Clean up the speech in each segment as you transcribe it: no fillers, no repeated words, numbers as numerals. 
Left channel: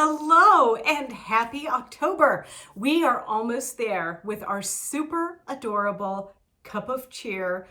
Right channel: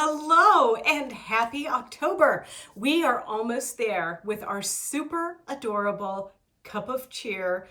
Hello and happy October. We are almost there with our super adorable cup of cheer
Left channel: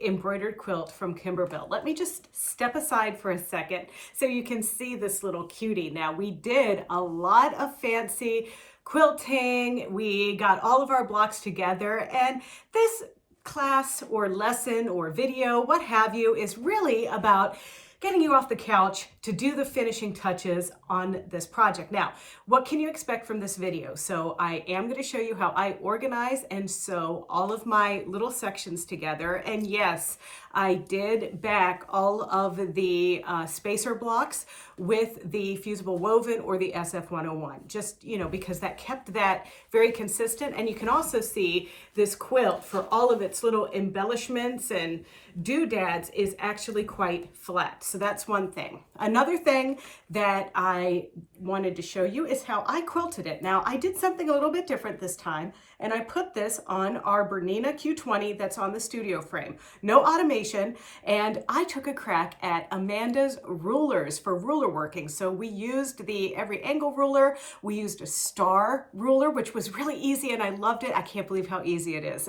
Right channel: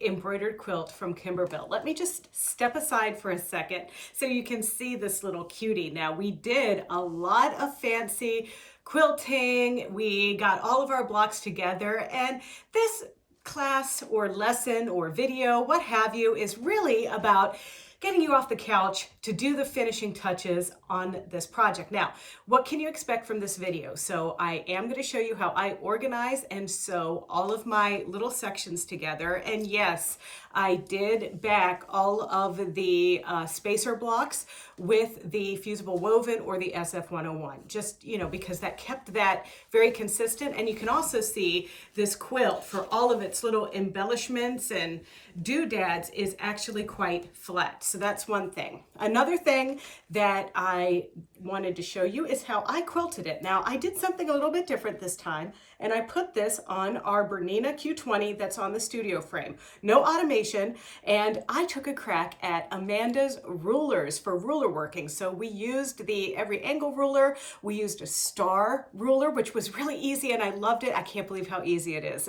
embroidered quilt from Kimberbell. Let me just step aside for a second so you can see this little cutie. Now, we did a lot of fancy quilting. We got all of our blocks together, and this class or lesson or video, what have you, is really about getting you off the couch to do the finishing touches on this project. Now, what can you expect from this video? So I am going to show you how I organize and sew all of my little sections together. And yes, I did back all of the spacer blocks with the fusible woven or the SF101, just, because that kept that very consistent. And you can also see this quilt, for all of its little embellishments and doodads, is actually quite flat. So that's one thing. Another thing that I wanted to show you is how I quilted it. Now, I did something a little bit different this time, and I put this on our BERNINA Q20 that's on the studio frame. No automation, and I took a crack at Amanda's rulers for ruler working. So we used the every angle ruler, we used a star ruler, which was really easy, and I loved it. I can't believe how easy it is.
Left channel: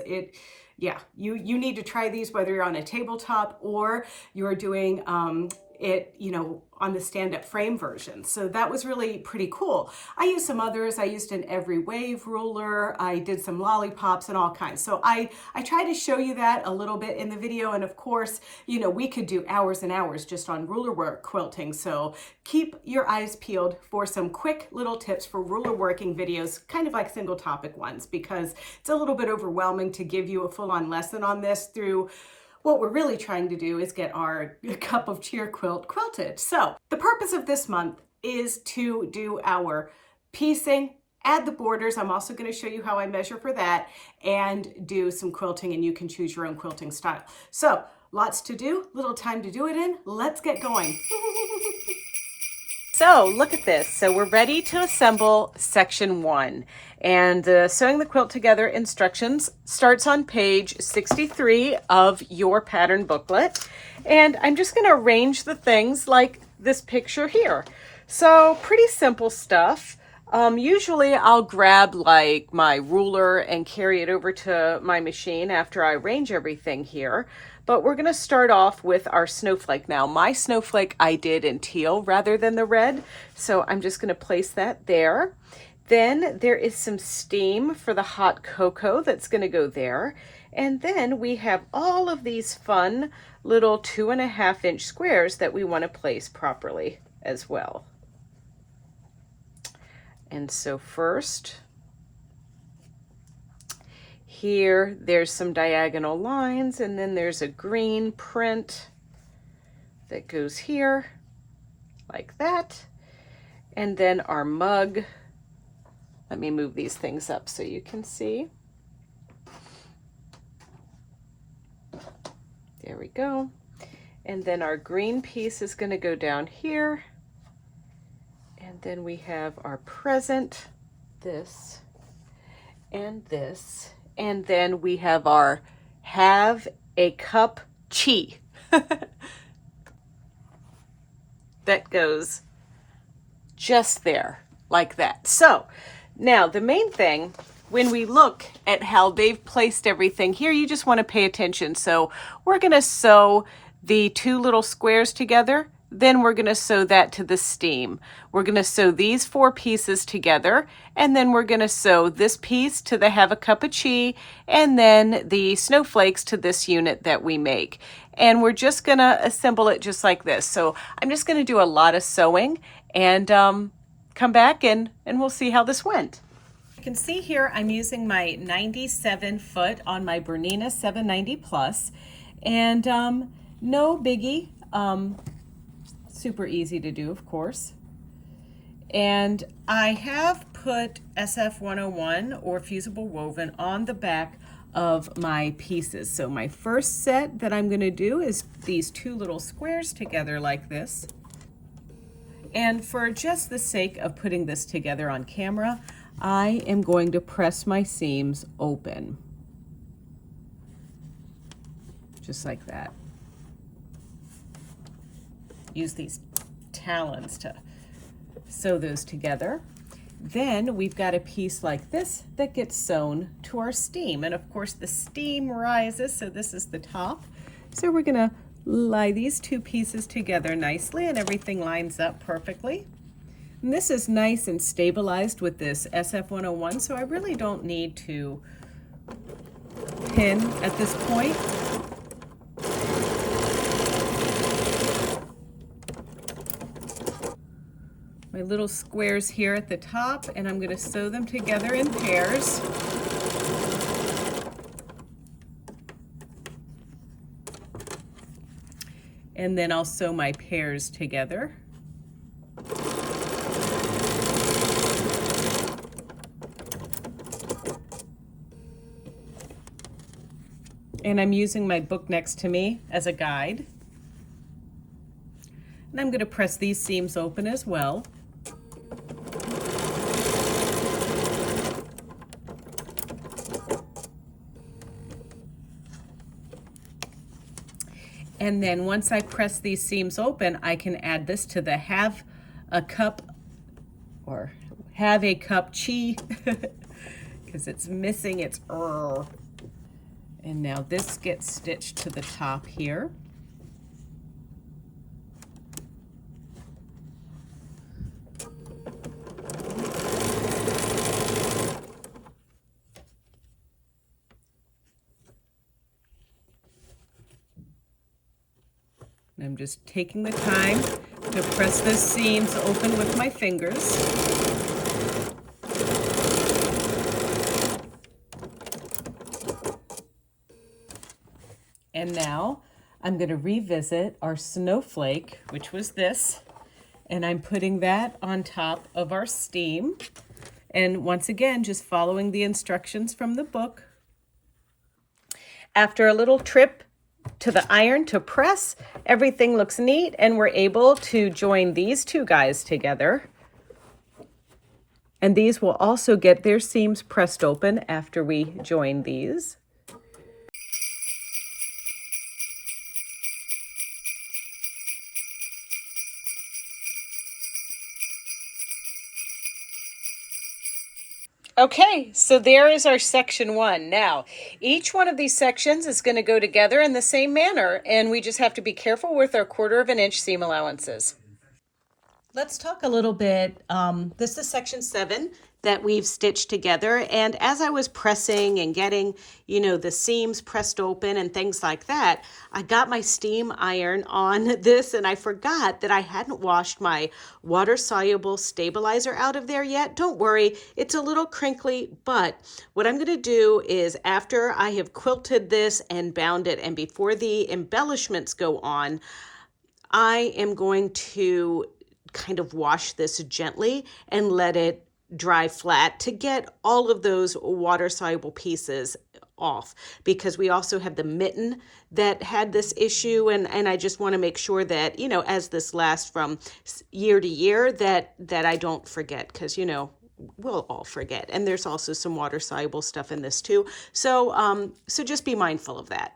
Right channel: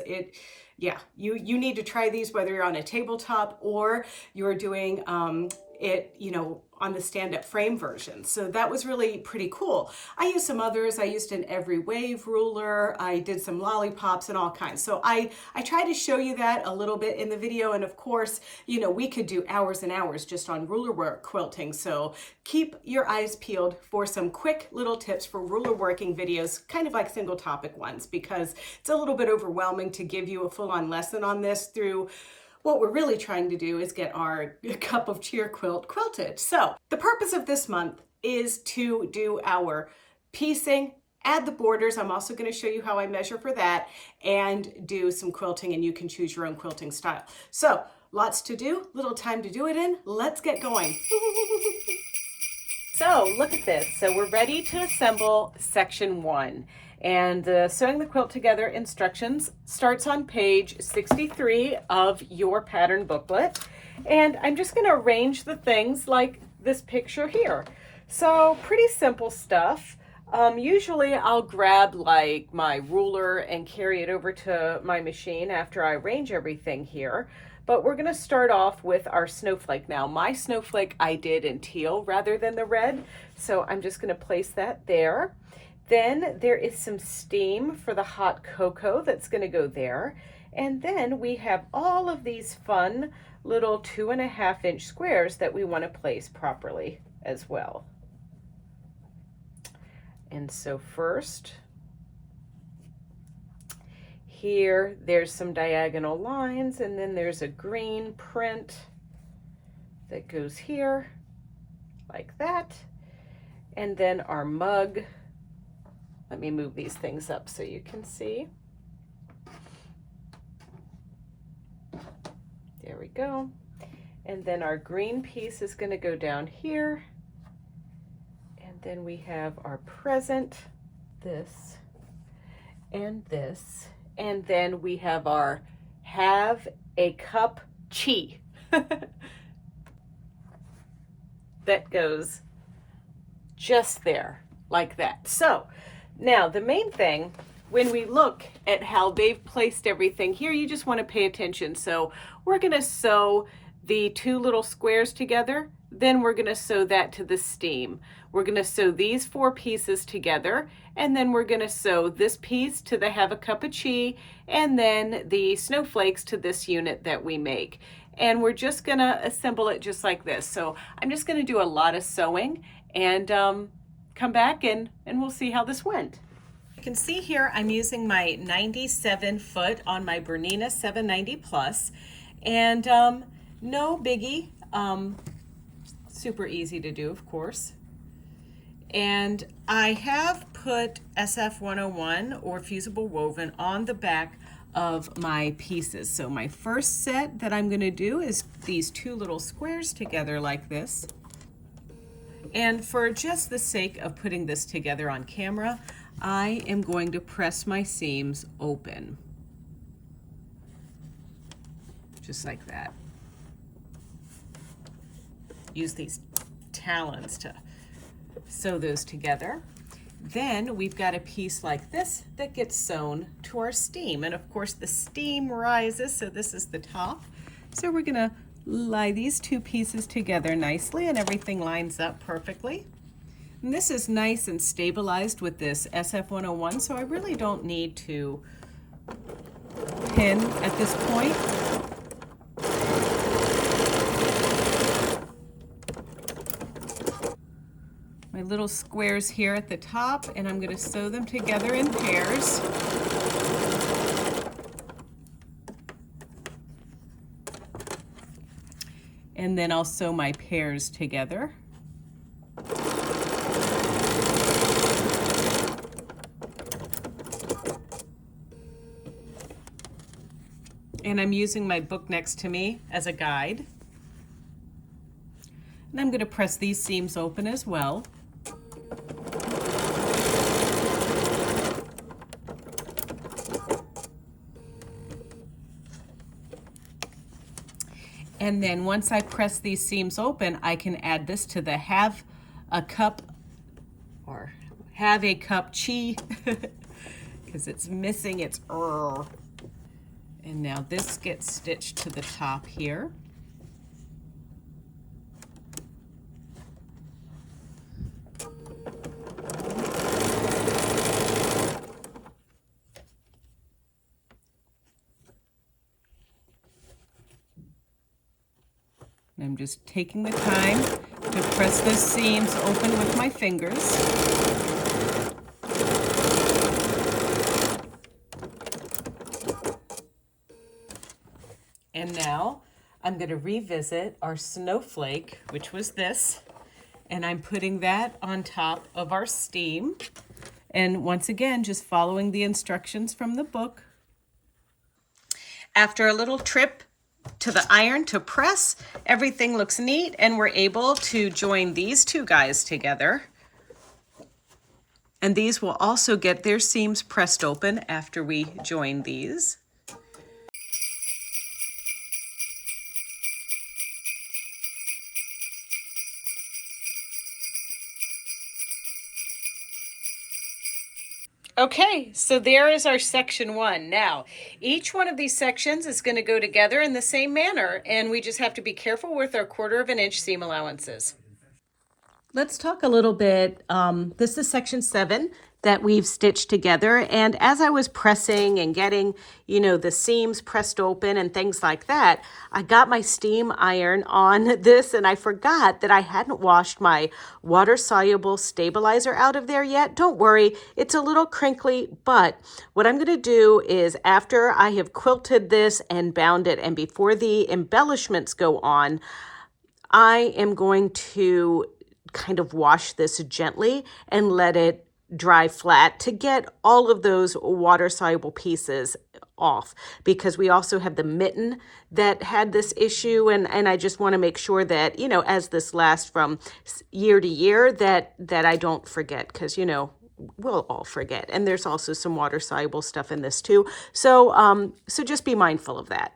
Yeah, you need to try these whether you're on a tabletop or you're doing it, on the stand-up frame version. So that was really pretty cool. I used some others. I used an every wave ruler. I did some lollipops and all kinds. So I try to show you that a little bit in the video. And of course, we could do hours and hours just on ruler work quilting. So keep your eyes peeled for some quick little tips for ruler working videos, kind of like single topic ones, because it's a little bit overwhelming to give you a full-on lesson on this through. What we're really trying to do is get our cup of cheer quilt quilted. So the purpose of this month is to do our piecing, add the borders. I'm also going to show you how I measure for that, and do some quilting, and you can choose your own quilting style. So lots to do, little time to do it in. Let's get going. So look at this. So we're ready to assemble section 1. And sewing the quilt together instructions starts on page 63 of your pattern booklet. And I'm just going to arrange the things like this picture here. So pretty simple stuff. Usually I'll grab like my ruler and carry it over to my machine after I arrange everything here. But we're going to start off with our snowflake. Now, my snowflake I did in teal rather than the red, so I'm just going to place that there. Then there is some steam for the hot cocoa that's going to go there. And then we have all of these fun little 2.5-inch squares that we want to place properly as well. And so first, here, there's some diagonal lines, and then there's a green print that goes here, like that. And then our mug. Let me move these things up so you can see. There we go. And then our green piece is going to go down here. And then we have our present, this, and this. And then we have our have a cup chi. That goes just there, like that. So now the main thing, when we look at how they've placed everything here, you just want to pay attention. So we're going to sew the 2 little squares together. Then we're going to sew that to the steam. We're going to sew these 4 pieces together, and then we're going to sew this piece to the have a cup of chi, and then the snowflakes to this unit that we make. And we're just going to assemble it just like this. So I'm just going to do a lot of sewing and come back and we'll see how this went. You can see here I'm using my 97 foot on my BERNINA 790 plus, and no biggie. Super easy to do, of course. And I have put SF101 or fusible woven on the back of my pieces. So my first set that I'm going to do is these 2 little squares together like this. And for just the sake of putting this together on camera, I am going to press my seams open. Just like that. Use these talons to sew those together. Then we've got a piece like this that gets sewn to our steam. And of course the steam rises, so this is the top. So we're gonna lie these two pieces together nicely and everything lines up perfectly. And this is nice and stabilized with this SF101, so I really don't need to pin at this point. My little squares here at the top, and I'm going to sew them together in pairs. And then I'll sew my pairs together. And I'm using my book next to me as a guide. And I'm going to press these seams open as well. And then once I press these seams open, I can add this to the have a cup chi because it's missing its er. And now this gets stitched to the top here. And I'm just taking the time to press the seams open with my fingers. And now I'm going to revisit our snowflake, which was this, and I'm putting that on top of our steam. And once again, just following the instructions from the book. After a little trip to the iron to press, everything looks neat, and we're able to join these two guys together. And these will also get their seams pressed open after we join these. Okay, so there is our section 1. Now, each one of these sections is going to go together in the same manner, and we just have to be careful with our 1/4 inch seam allowances. Let's talk a little bit. This is section 7 that we've stitched together, and as I was pressing and getting, the seams pressed open and things like that, I got my steam iron on this, and I forgot that I hadn't washed my water-soluble stabilizer out of there yet. Don't worry, it's a little crinkly, but what I'm going to do is after I have quilted this and bound it, and before the embellishments go on, I am going to kind of wash this gently and let it dry flat to get all of those water-soluble pieces off, because we also have the mitten that had this issue, and I just want to make sure that, as this lasts from year to year, that I don't forget, because, we'll all forget. And there's also some water-soluble stuff in this too. So, so just be mindful of that.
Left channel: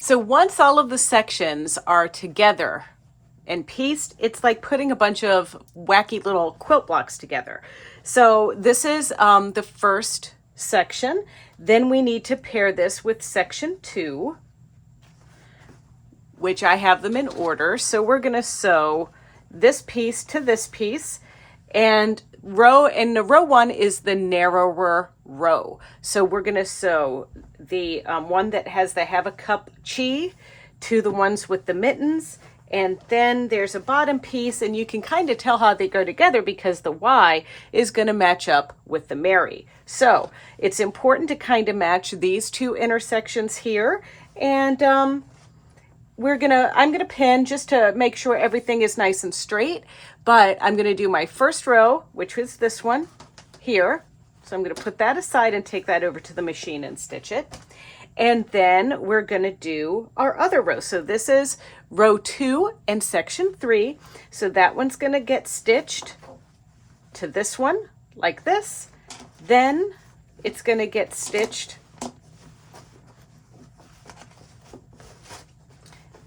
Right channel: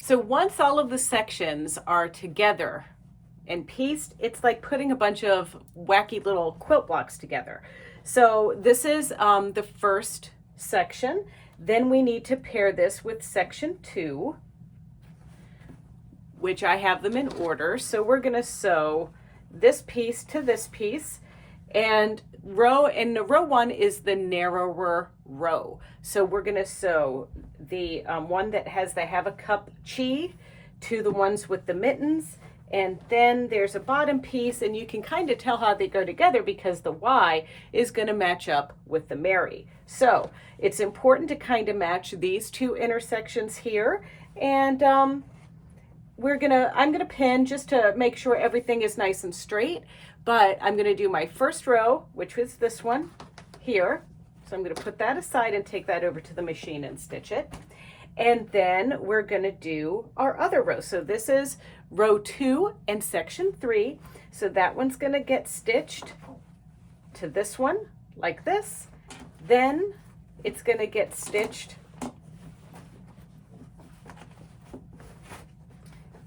So once all of the sections are together and pieced, it's like putting a bunch of wacky little quilt blocks together. So this is the first section. Then we need to pair this with section 2, which I have them in order. So we're going to sew this piece to this piece, and row 1 is the narrower row. So we're going to sew the one that has the have a cup chi to the ones with the mittens, and then there's a bottom piece, and you can kind of tell how they go together because the Y is going to match up with the Mary. So it's important to kind of match these two intersections here, and I'm gonna pin just to make sure everything is nice and straight. But I'm going to do my first row, which was this one here. So I'm going to put that aside and take that over to the machine and stitch it. And then we're going to do our other row. So this is row 2 and section 3. So that one's going to get stitched to this one like this. Then it's going to get stitched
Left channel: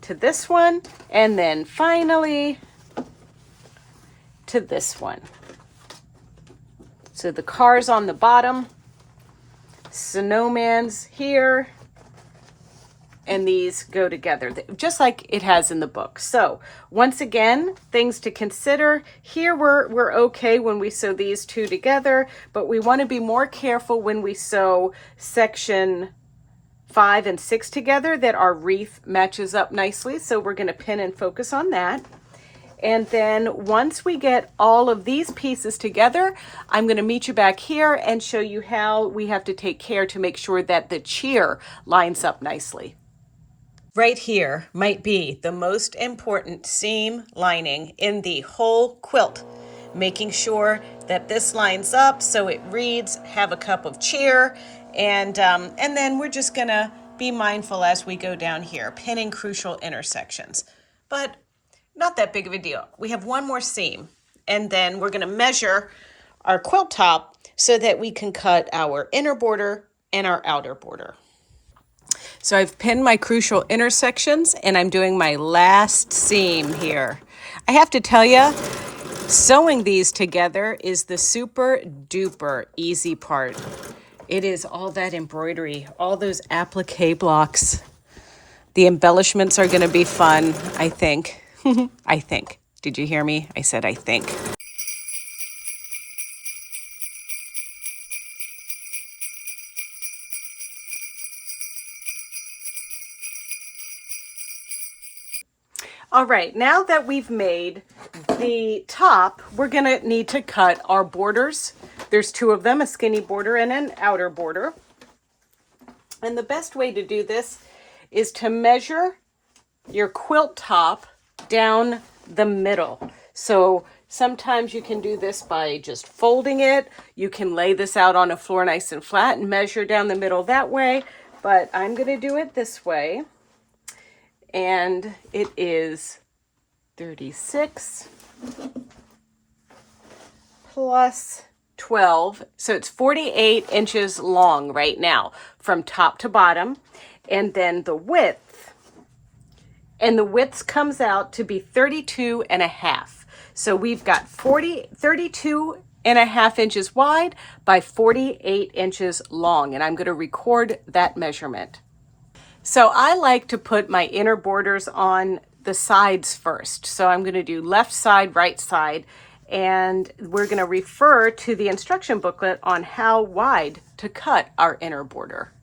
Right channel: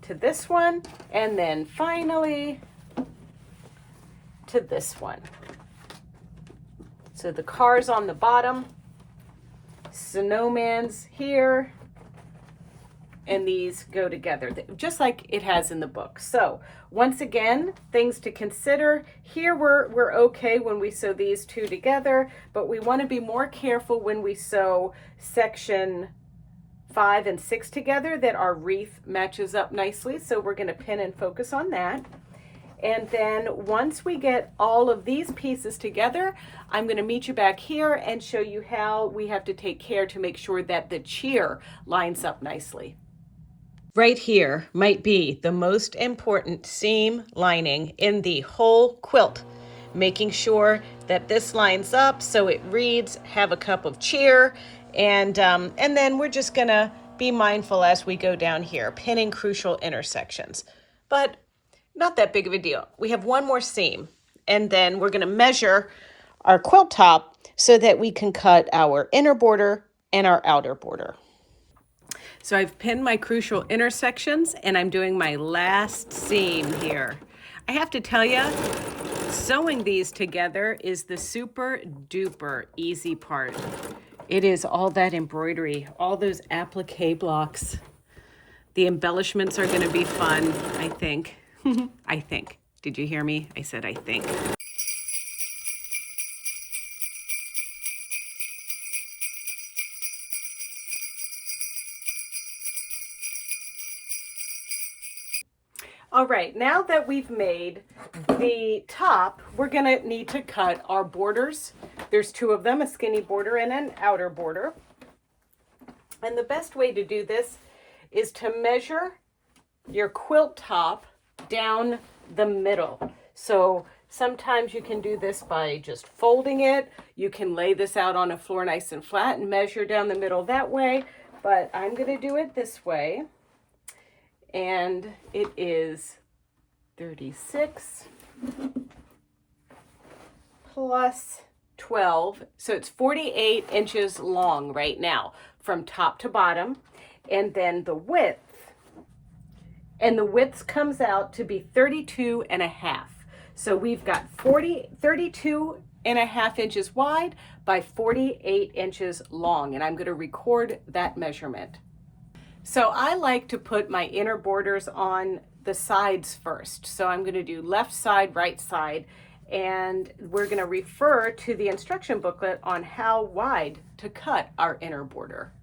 to this one, and then finally to this one. So the car's on the bottom, snowman's here, and these go together, just like it has in the book. So once again, things to consider. Here we're okay when we sew these two together, but we want to be more careful when we sew section 5 and 6 together, that our wreath matches up nicely. So we're going to pin and focus on that. And then once we get all of these pieces together, I'm going to meet you back here and show you how we have to take care to make sure that the cheer lines up nicely. Right here might be the most important seam lining in the whole quilt, making sure that this lines up so it reads "Have a cup of cheer," and then we're just gonna be mindful as we go down here, pinning crucial intersections. But not that big of a deal. We have one more seam, and then we're gonna measure our quilt top so that we can cut our inner border and our outer border. So I've pinned my crucial intersections, and I'm doing my last seam here. I have to tell you, sewing these together is the super duper easy part. It is all that embroidery, all those applique blocks. The embellishments are going to be fun, I think. I think. Did you hear me? I said I think. All right, now that we've made the top, we're gonna need to cut our borders. There's two of them, a skinny border and an outer border. And the best way to do this is to measure your quilt top down the middle. So sometimes you can do this by just folding it. You can lay this out on a floor nice and flat and measure down the middle that way, but I'm gonna do it this way. And it is 36 plus 12. So it's 48 inches long right now from top to bottom. And then the width, and the width comes out to be 32 and a half. So we've got 32 and a half inches wide by 48 inches long. And I'm going to record that measurement. So I like to put my inner borders on the sides first. So I'm going to do left side, right side, and we're going to refer to the instruction booklet on how wide to cut our inner border.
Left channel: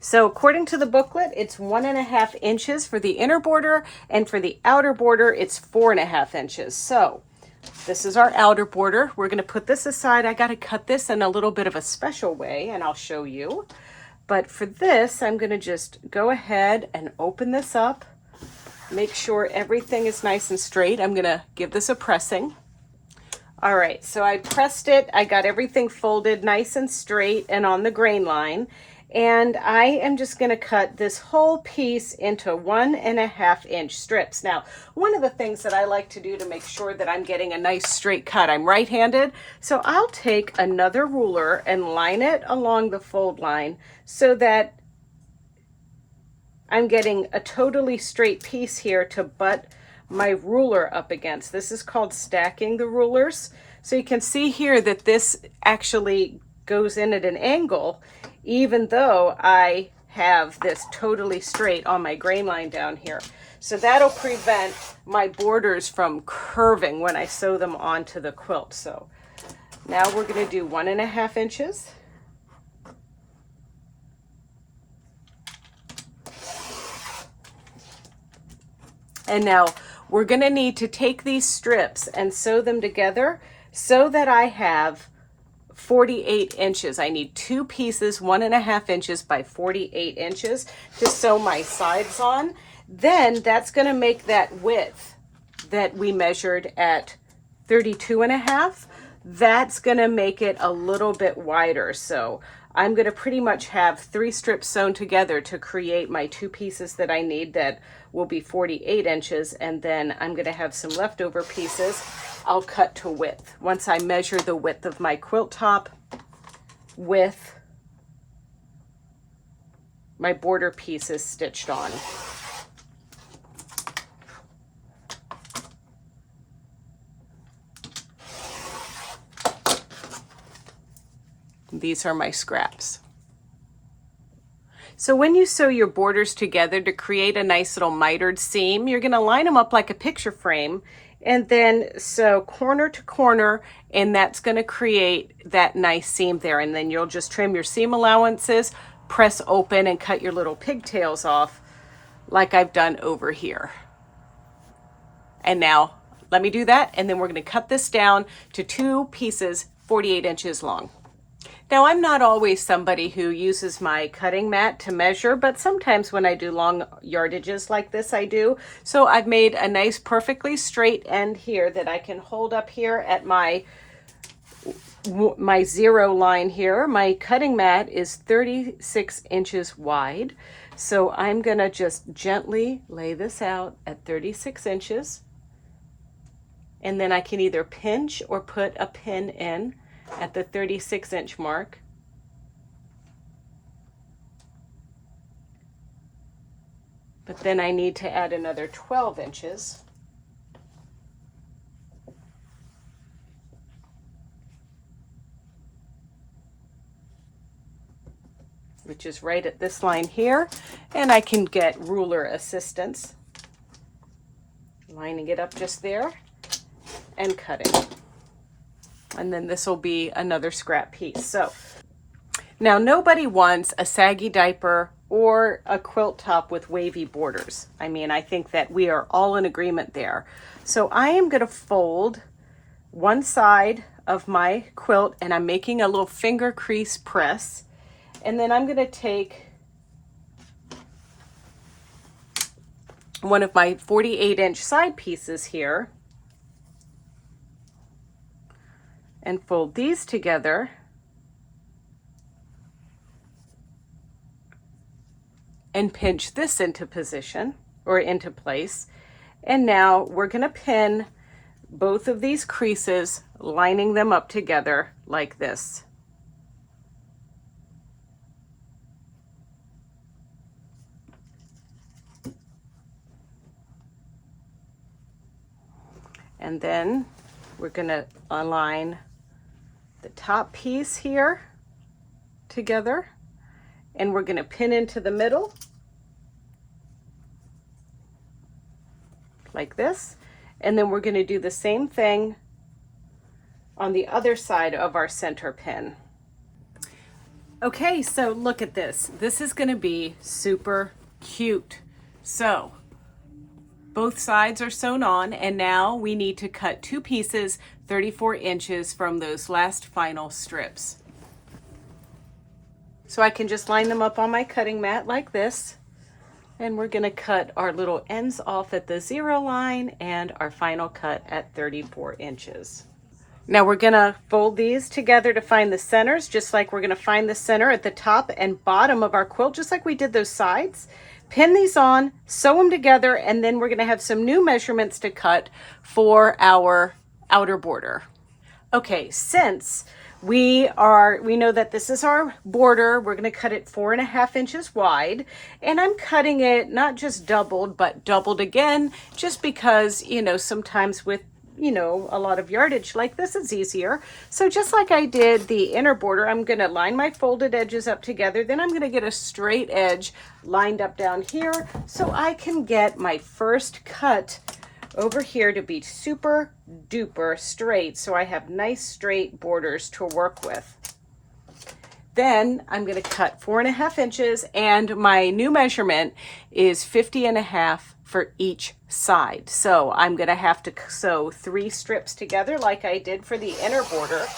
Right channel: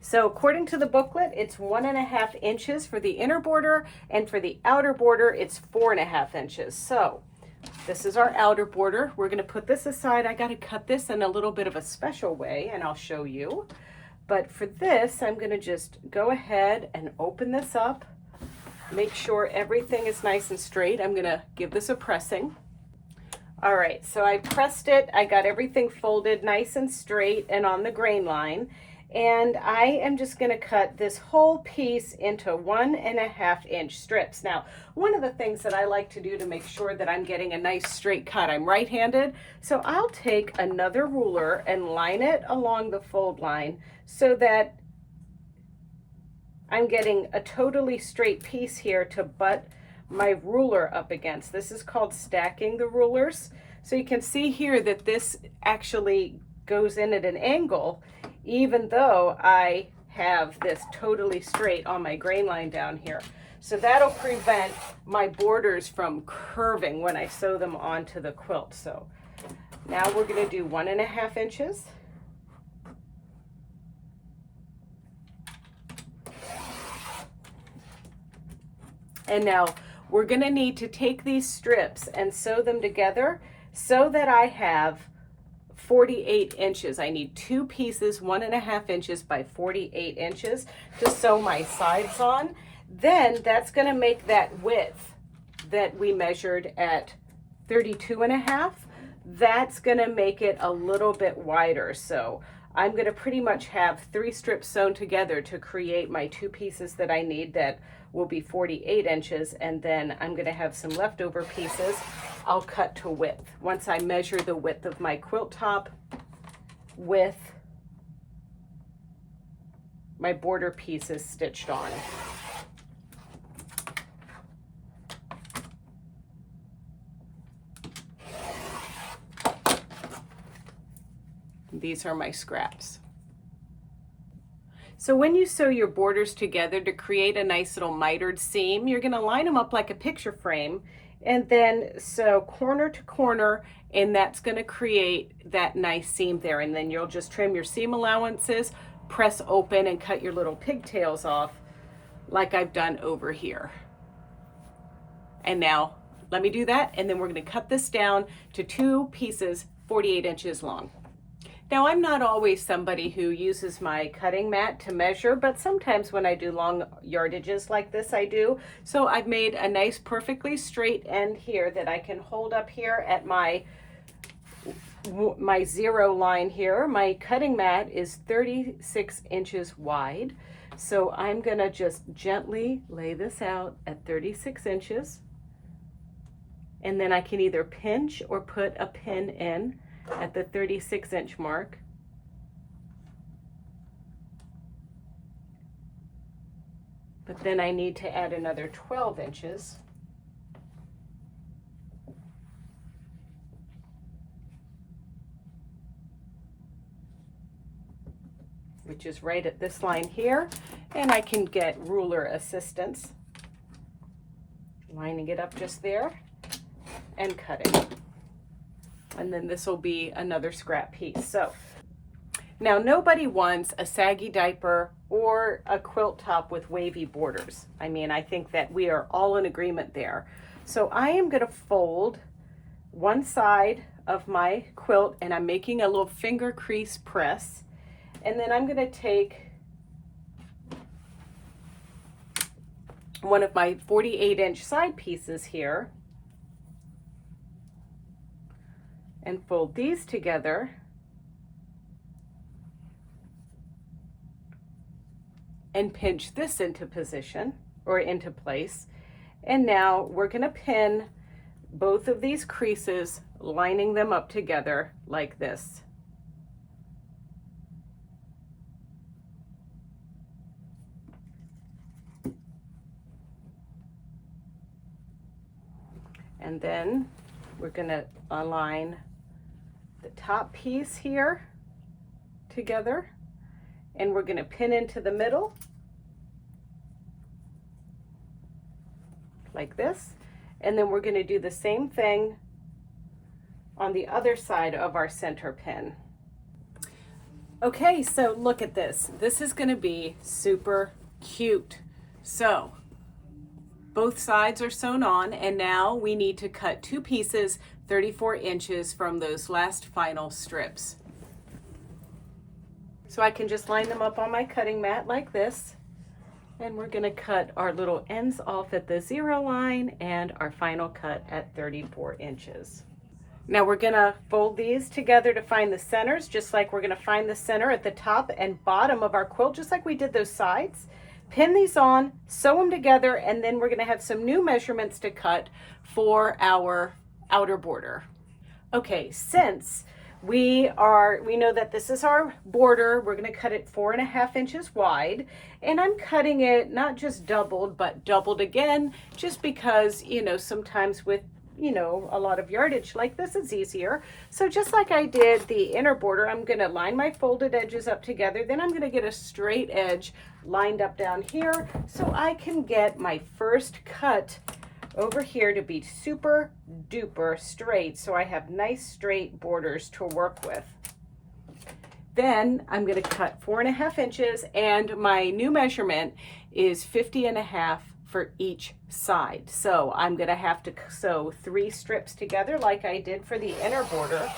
So according to the booklet, it's 1.5 inches for the inner border, and for the outer border, it's 4.5 inches. So this is our outer border. We're going to put this aside. I got to cut this in a little bit of a special way, and I'll show you. But for this, I'm going to just go ahead and open this up, make sure everything is nice and straight. I'm going to give this a pressing. All right, so I pressed it. I got everything folded nice and straight and on the grain line. And I am just going to cut this whole piece into 1.5 inch strips. Now, one of the things that I like to do to make sure that I'm getting a nice straight cut, I'm right-handed, so I'll take another ruler and line it along the fold line so that I'm getting a totally straight piece here to butt my ruler up against. This is called stacking the rulers. So you can see here that this actually goes in at an angle, even though I have this totally straight on my grain line down here. So that'll prevent my borders from curving when I sew them onto the quilt. So now we're going to do 1.5 inches. And now we're going to need to take these strips and sew them together so that I have 48 inches. I need two pieces, 1.5 inches by 48 inches to sew my sides on. Then that's going to make that width that we measured at 32 and a half. That's going to make it a little bit wider. So I'm going to pretty much have 3 strips sewn together to create my 2 pieces that I need that will be 48 inches. And then I'm going to have some leftover pieces I'll cut to width. Once I measure the width of my quilt top, with my border pieces stitched on. These are my scraps. So when you sew your borders together to create a nice little mitered seam, you're going to line them up like a picture frame and then sew corner to corner, and that's going to create that nice seam there. And then you'll just trim your seam allowances, press open, and cut your little pigtails off like I've done over here. And now let me do that, and then we're going to cut this down to 2 pieces 48 inches long. Now, I'm not always somebody who uses my cutting mat to measure, but sometimes when I do long yardages like this, I do. So I've made a nice perfectly straight end here that I can hold up here at my 0 line here. My cutting mat is 36 inches wide. So I'm gonna just gently lay this out at 36 inches. And then I can either pinch or put a pin in at the 36-inch mark. But then I need to add another 12 inches. Which is right at this line here. And I can get ruler assistance. Lining it up just there and cutting. And then this will be another scrap piece. So now nobody wants a saggy diaper or a quilt top with wavy borders. I mean, I think that we are all in agreement there. So I am going to fold one side of my quilt, and I'm making a little finger crease press. And then I'm going to take one of my 48-inch side pieces here and fold these together and pinch this into position or into place. And now we're going to pin both of these creases, lining them up together like this. And then we're going to align the top piece here together, and we're going to pin into the middle like this. And then we're going to do the same thing on the other side of our center pin. Okay, so look at this. This is going to be super cute. So both sides are sewn on, and now we need to cut 2 pieces 34 inches from those last final strips. So I can just line them up on my cutting mat like this, and we're going to cut our little ends off at the 0 line and our final cut at 34 inches. Now we're going to fold these together to find the centers, just like we're going to find the center at the top and bottom of our quilt, just like we did those sides. Pin these on, sew them together, and then we're going to have some new measurements to cut for our outer border. Okay, since we know that this is our border, we're going to cut it 4.5 inches wide, and I'm cutting it not just doubled, but doubled again, just because, you know, sometimes with a lot of yardage like this, it's easier. So just like I did the inner border, I'm going to line my folded edges up together. Then I'm going to get a straight edge lined up down here so I can get my first cut over here to be super duper straight, so I have nice straight borders to work with. Then I'm going to cut 4.5 inches, and my new measurement is 50.5 for each side. So I'm going to have to sew 3 strips together like I did for the inner border,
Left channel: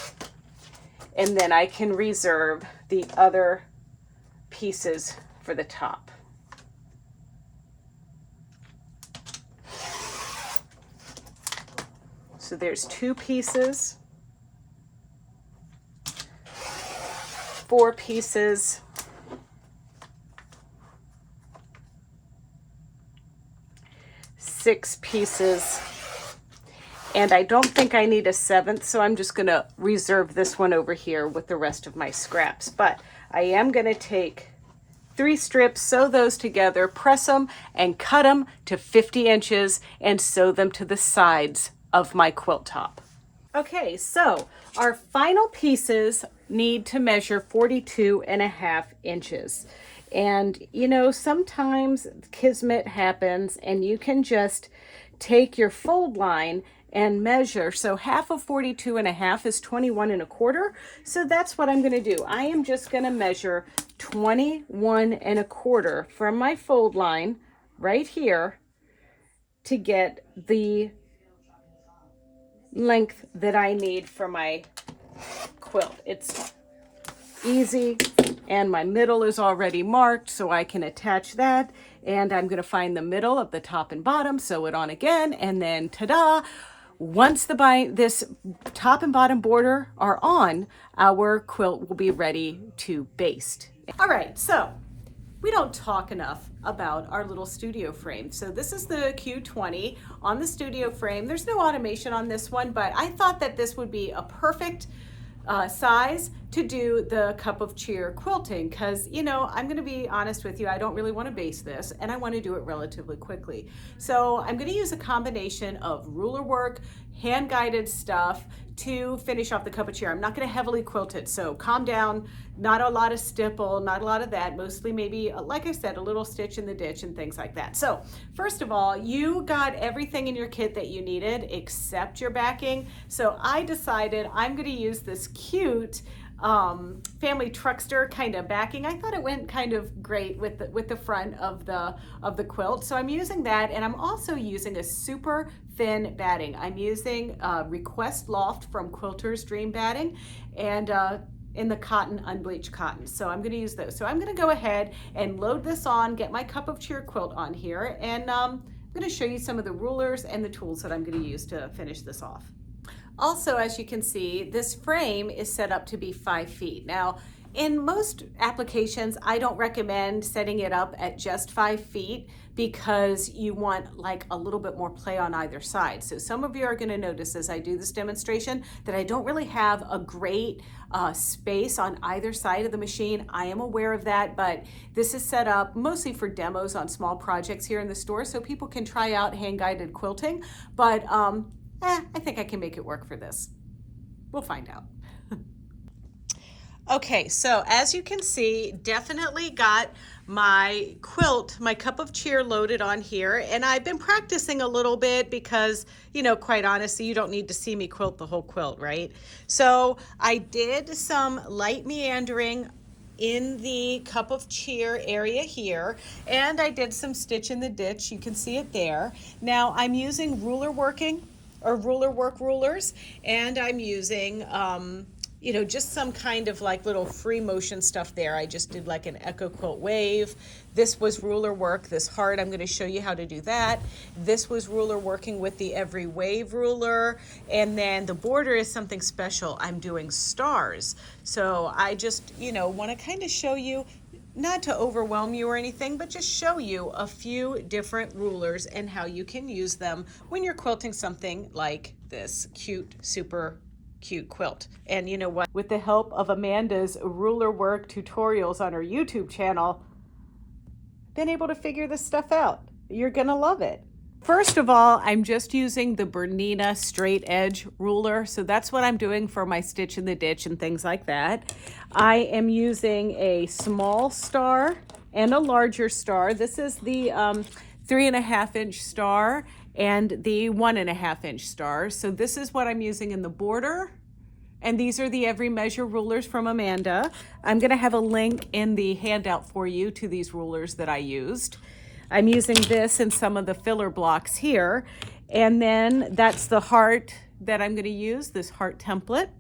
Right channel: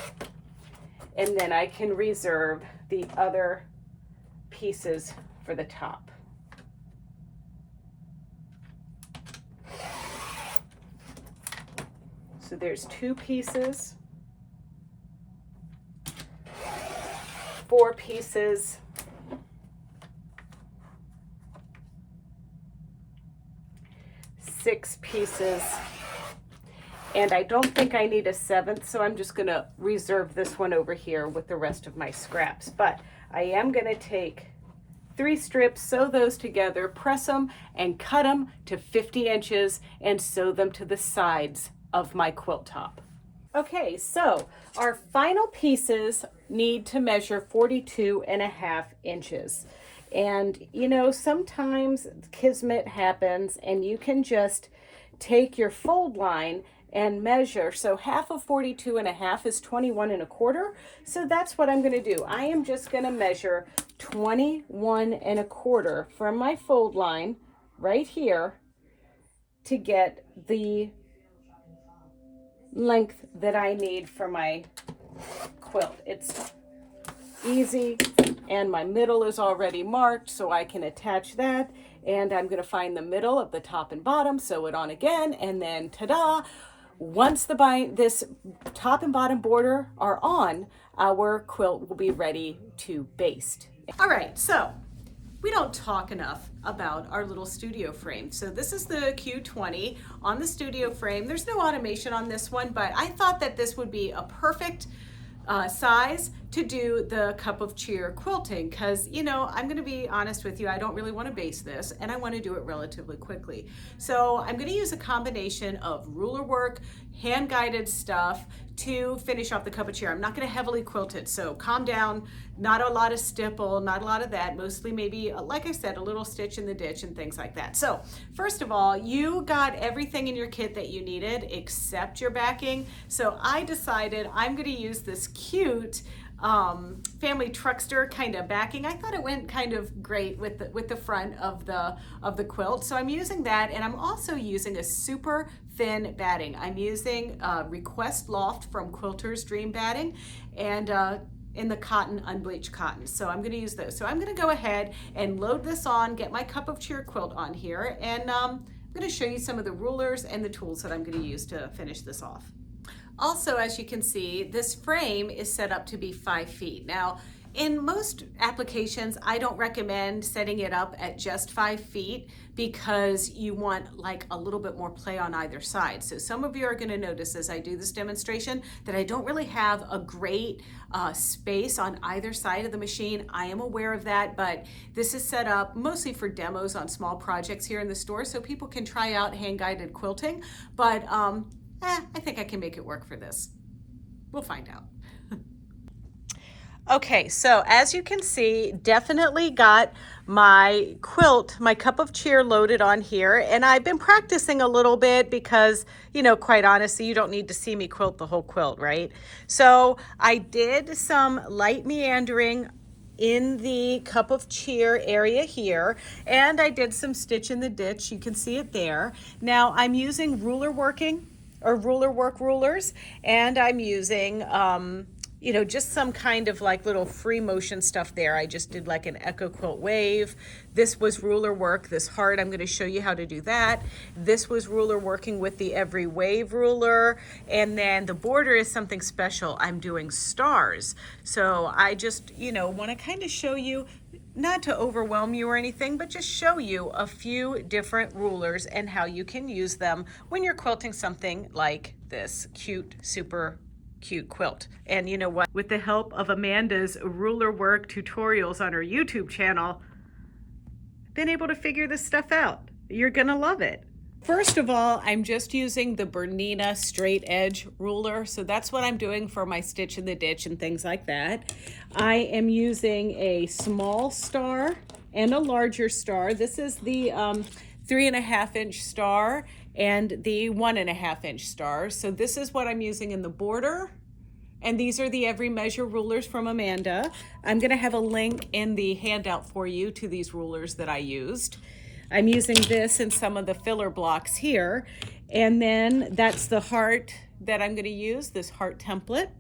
and then I can reserve the other pieces for the top. So there's 2 pieces, 4 pieces, 6 pieces, And I don't think I need a 7th, so I'm just gonna reserve this one over here with the rest of my scraps. But I am gonna take 3 strips, sew those together, press them, and cut them to 50 inches and sew them to the sides of my quilt top. Okay, so our final pieces need to measure 42.5 inches. And you know, sometimes kismet happens and you can just take your fold line and measure. So half of 42.5 is 21.25. So that's what I'm gonna do. I am just gonna measure 21.25 from my fold line right here to get the length that I need for my quilt. It's easy, and my middle is already marked, so I can attach that. And I'm going to find the middle of the top and bottom, sew it on again, and then ta-da! Once this top and bottom border are on, our quilt will be ready to baste. All right, so we don't talk enough about our little studio frame. So this is the Q20 on the studio frame. There's no automation on this one, but I thought that this would be a perfect size to do the cup of cheer quilting, because you know, I'm going to be honest with you, I don't really want to baste this and I want to do it relatively quickly. So I'm going to use a combination of ruler work, hand guided stuff to finish off the cup of cheer. I'm not going to heavily quilt it, so calm down. Not a lot of stipple, not a lot of that, mostly maybe, like I said, a little stitch in the ditch and things like that. So first of all, you got everything in your kit that you needed except your backing. So I decided I'm going to use this cute family truckster kind of backing. I thought it went kind of great with the front of the quilt. So I'm using that, and I'm also using a super thin batting. I'm using Request Loft from Quilter's Dream Batting, and in the cotton, unbleached cotton. So I'm gonna use those. So I'm gonna go ahead and load this on, get my cup of cheer quilt on here, and I'm gonna show you some of the rulers and the tools that I'm gonna use to finish this off. Also, as you can see, this frame is set up to be 5 feet. Now, in most applications, I don't recommend setting it up at just 5 feet because you want like a little bit more play on either side. So some of you are going to notice as I do this demonstration that I don't really have a great space on either side of the machine. I am aware of that, but this is set up mostly for demos on small projects here in the store so people can try out hand-guided quilting. But I think I can make it work for this. We'll find out. Okay, so as you can see, definitely got my quilt, my cup of cheer loaded on here. And I've been practicing a little bit because, you know, quite honestly, you don't need to see me quilt the whole quilt, right? So I did some light meandering in the cup of cheer area here, and I did some stitch in the ditch. You can see it there. Now I'm using ruler work rulers, and I'm using you know, just some kind of like little free motion stuff there. I just did like an Echo Quilt wave. This was ruler work, this heart, I'm gonna show you how to do that. This was ruler working with the Every Wave ruler. And then the border is something special. I'm doing stars. So I just, you know, wanna kind of show you, not to overwhelm you or anything, but just show you a few different rulers and how you can use them when you're quilting something like this super cute quilt. And you know what? With the help of Amanda's ruler work tutorials on her YouTube channel, been able to figure this stuff out. You're gonna love it. First of all, I'm just using the BERNINA straight edge ruler. So that's what I'm doing for my stitch in the ditch and things like that. I am using a small star and a larger star. This is the 3.5 inch star and the 1.5 inch star. So this is what I'm using in the border. And these are the Every Measure rulers from Amanda. I'm gonna have a link in the handout for you to these rulers that I used. I'm using this in some of the filler blocks here. And then that's the heart that I'm gonna use, this heart template.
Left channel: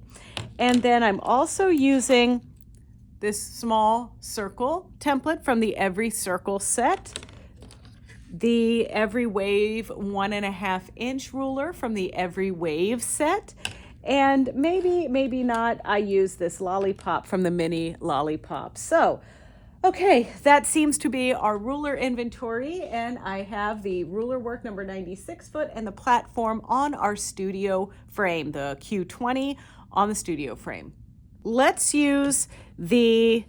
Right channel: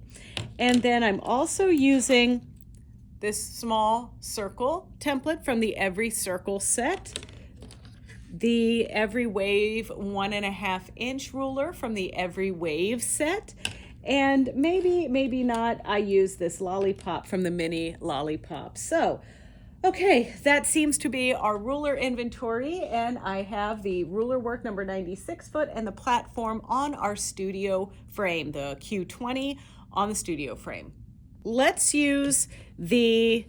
And then I'm also using this small circle template from the Every Circle set, the Every Wave 1.5 inch ruler from the Every Wave set, and maybe not, I use this lollipop from the mini lollipop. So Okay, that seems to be our ruler inventory, and I have the ruler work number 96 foot and the platform on our studio frame, the Q20 on the studio frame. Let's use the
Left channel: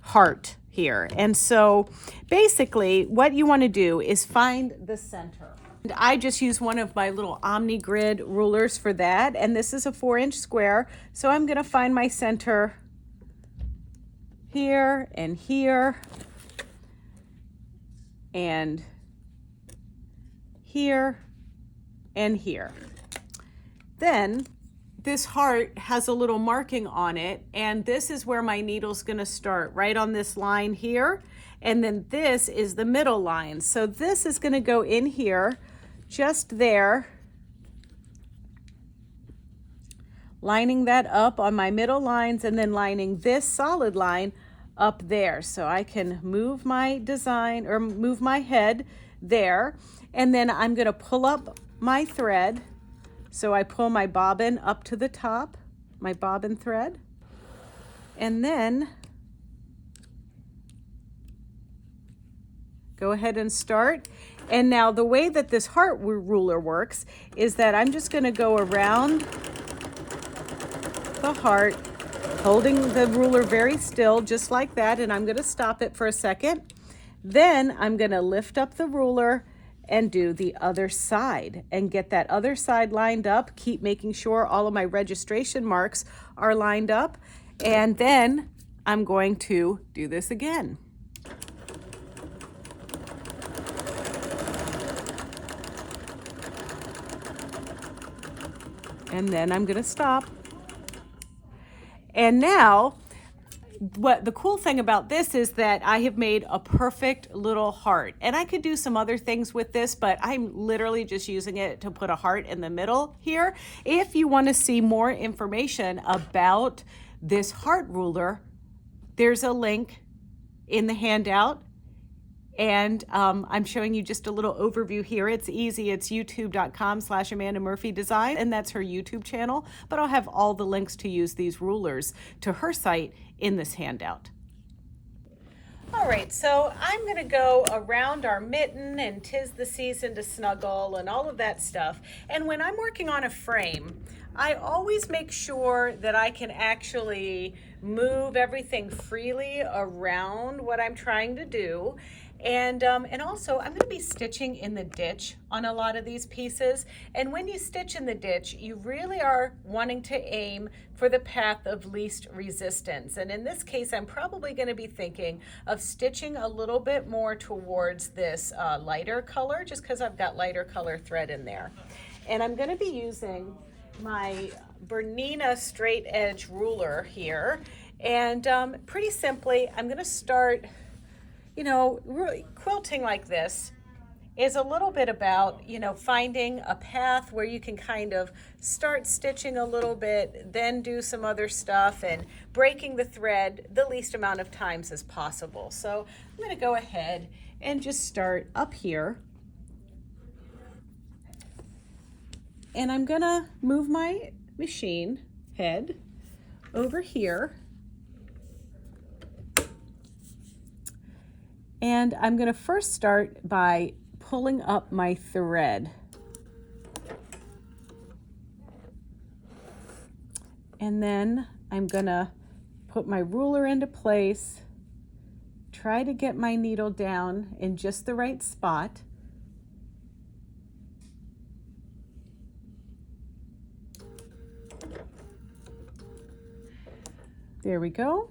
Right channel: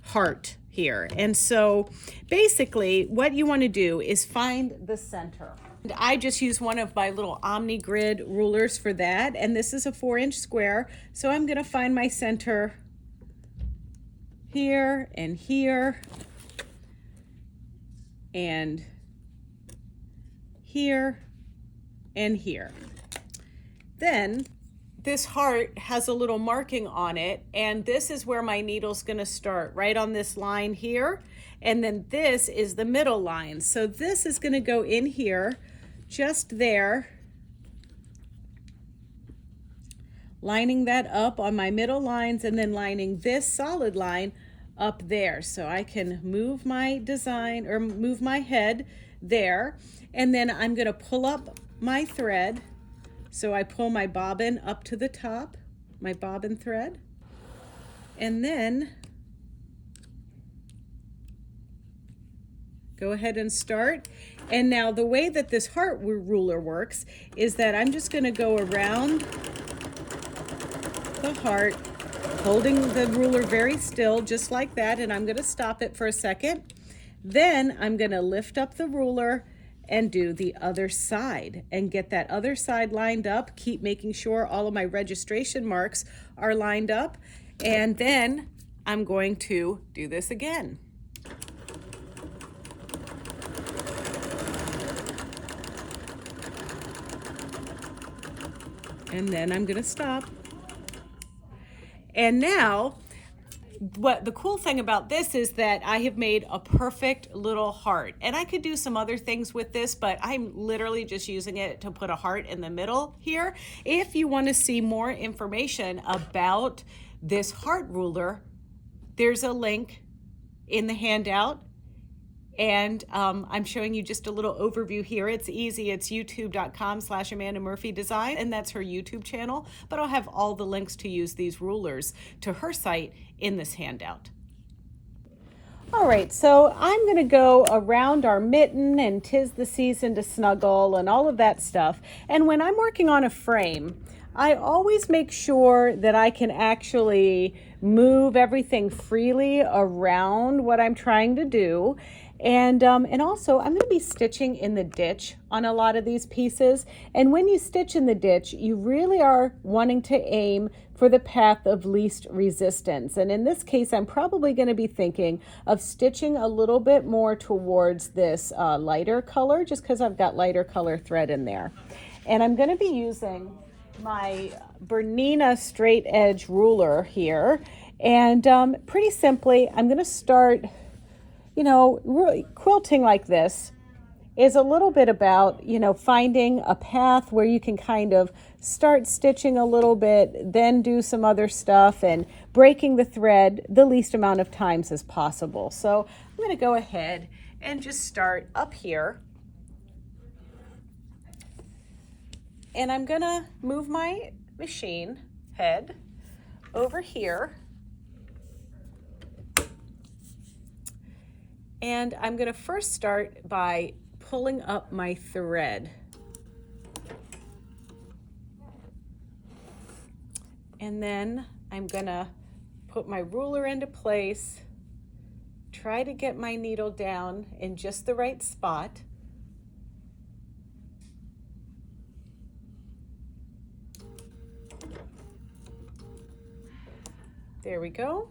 heart here. And so basically what you want to do is find the center. And I just use one of my little Omni Grid rulers for that, and this is a 4-inch square, so I'm going to find my center here and here and here and here. Then this heart has a little marking on it, and this is where my needle's going to start, right on this line here, and then this is the middle line. So this is going to go in here, just there, lining that up on my middle lines, and then lining this solid line up there. So I can move my design, or move my head there, and then I'm going to pull up my thread. So I pull my bobbin up to the top, my bobbin thread, and then go ahead and start. And now the way that this heart ruler works is that I'm just going to go around the heart, holding the ruler very still, just like that, and I'm going to stop it for a second. Then I'm going to lift up the ruler and do the other side and get that other side lined up. Keep making sure all of my registration marks are lined up, and then I'm going to do this again. And then I'm going to stop. And now, what the cool thing about this is that I have made a perfect little heart. And I could do some other things with this, but I'm literally just using it to put a heart in the middle here. If you want to see more information about this heart ruler, there's a link in the handout. And I'm showing you just a little overview here. It's easy. It's youtube.com/AmandaMurphyDesign, and that's her YouTube channel. But I'll have all the links to use these rulers to her site in this handout. All right, so I'm going to go around our mitten and 'tis the season to snuggle and all of that stuff. And when I'm working on a frame, I always make sure that I can actually move everything freely around what I'm trying to do. And also I'm going to be stitching in the ditch on a lot of these pieces. And when you stitch in the ditch, you really are wanting to aim for the path of least resistance. And in this case, I'm probably going to be thinking of stitching a little bit more towards this lighter color, just because I've got lighter color thread in there. And I'm going to be using my BERNINA straight edge ruler here. And pretty simply, I'm going to start, you know, really quilting like this is a little bit about, you know, finding a path where you can kind of start stitching a little bit, then do some other stuff, and breaking the thread the least amount of times as possible. So I'm going to go ahead and just start up here. And I'm going to move my machine head over here. And I'm going to first start by pulling up my thread. And then I'm going to put my ruler into place, try to get my needle down in just the right spot. There we go.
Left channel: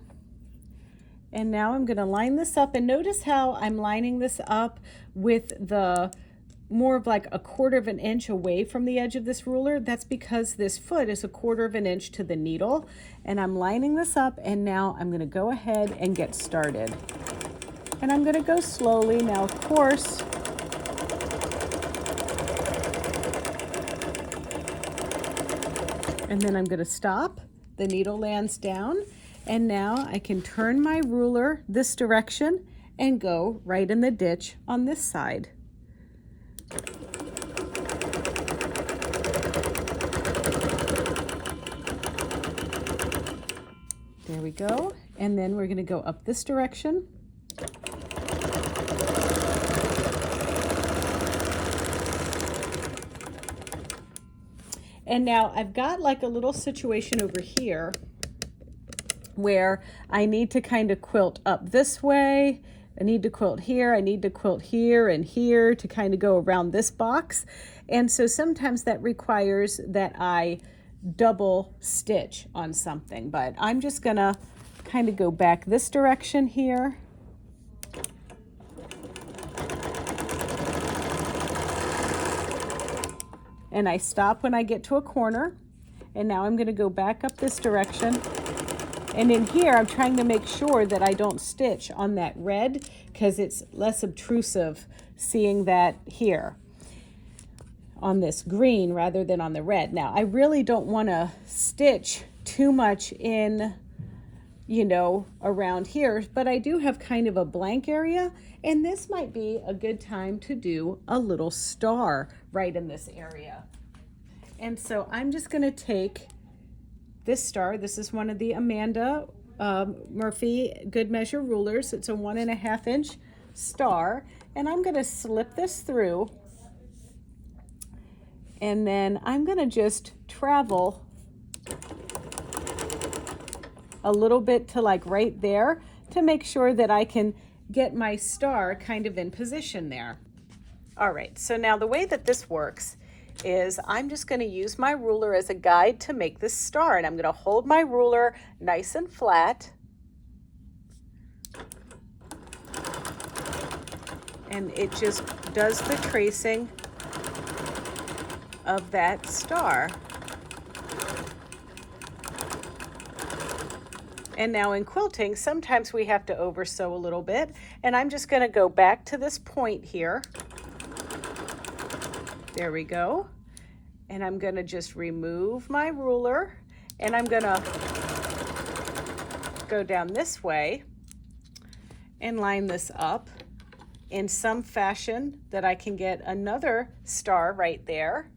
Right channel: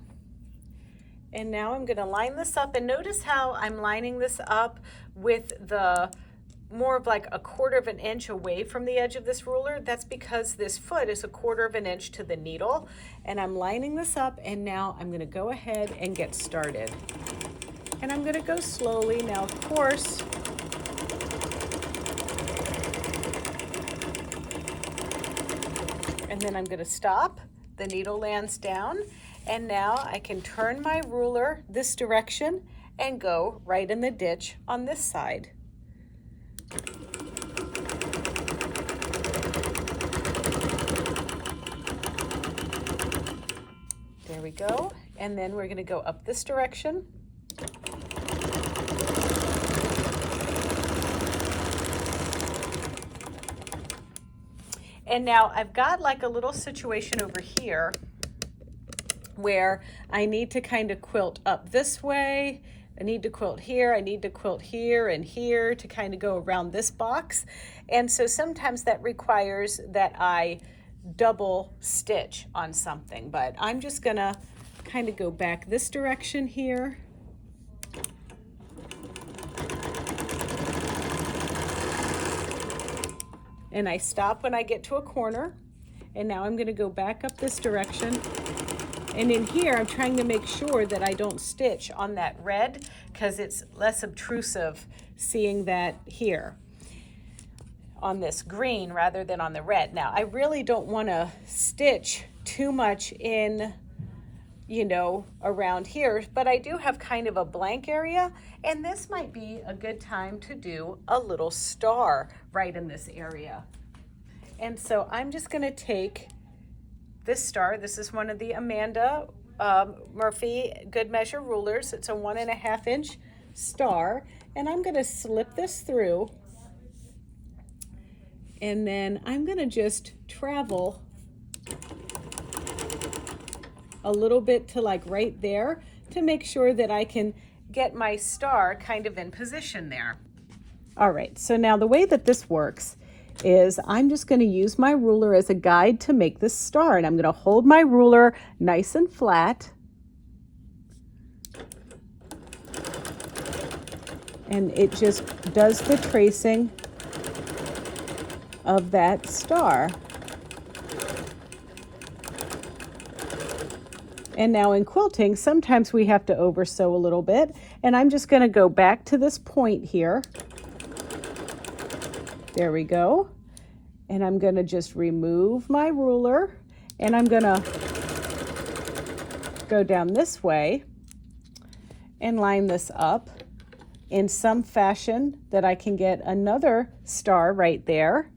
And now I'm going to line this up, and notice how I'm lining this up with the more of like 1/4 of an inch away from the edge of this ruler. That's because this foot is 1/4 of an inch to the needle. And I'm lining this up, and now I'm going to go ahead and get started. And I'm going to go slowly. Now, of course, and then I'm going to stop. The needle lands down. And now I can turn my ruler this direction and go right in the ditch on this side. There we go. And then we're going to go up this direction And now I've got like a little situation over here where I need to kind of quilt up this way. I need to quilt here, I need to quilt here and here to kind of go around this box. And so sometimes that requires that I double stitch on something, but I'm just gonna kind of go back this direction here. And I stop when I get to a corner. And now I'm gonna go back up this direction. And in here, I'm trying to make sure that I don't stitch on that red because it's less obtrusive seeing that here on this green rather than on the red. Now, I really don't want to stitch too much in, you know, around here, but I do have kind of a blank area, and this might be a good time to do a little star right in this area. And so I'm just going to take this star. This is one of the Amanda Murphy Good Measure rulers. It's a 1.5 inch star, and I'm going to slip this through, and then I'm going to just travel a little bit to like right there to make sure that I can get my star kind of in position there. All right, so now the way that this works is I'm just going to use my ruler as a guide to make this star, and I'm going to hold my ruler nice and flat, and it just does the tracing of that star. And now in quilting, sometimes we have to over sew a little bit, and I'm just going to go back to this point here. There we go. And I'm going to just remove my ruler, and I'm going to go down this way and line this up in some fashion that I can get another star right there.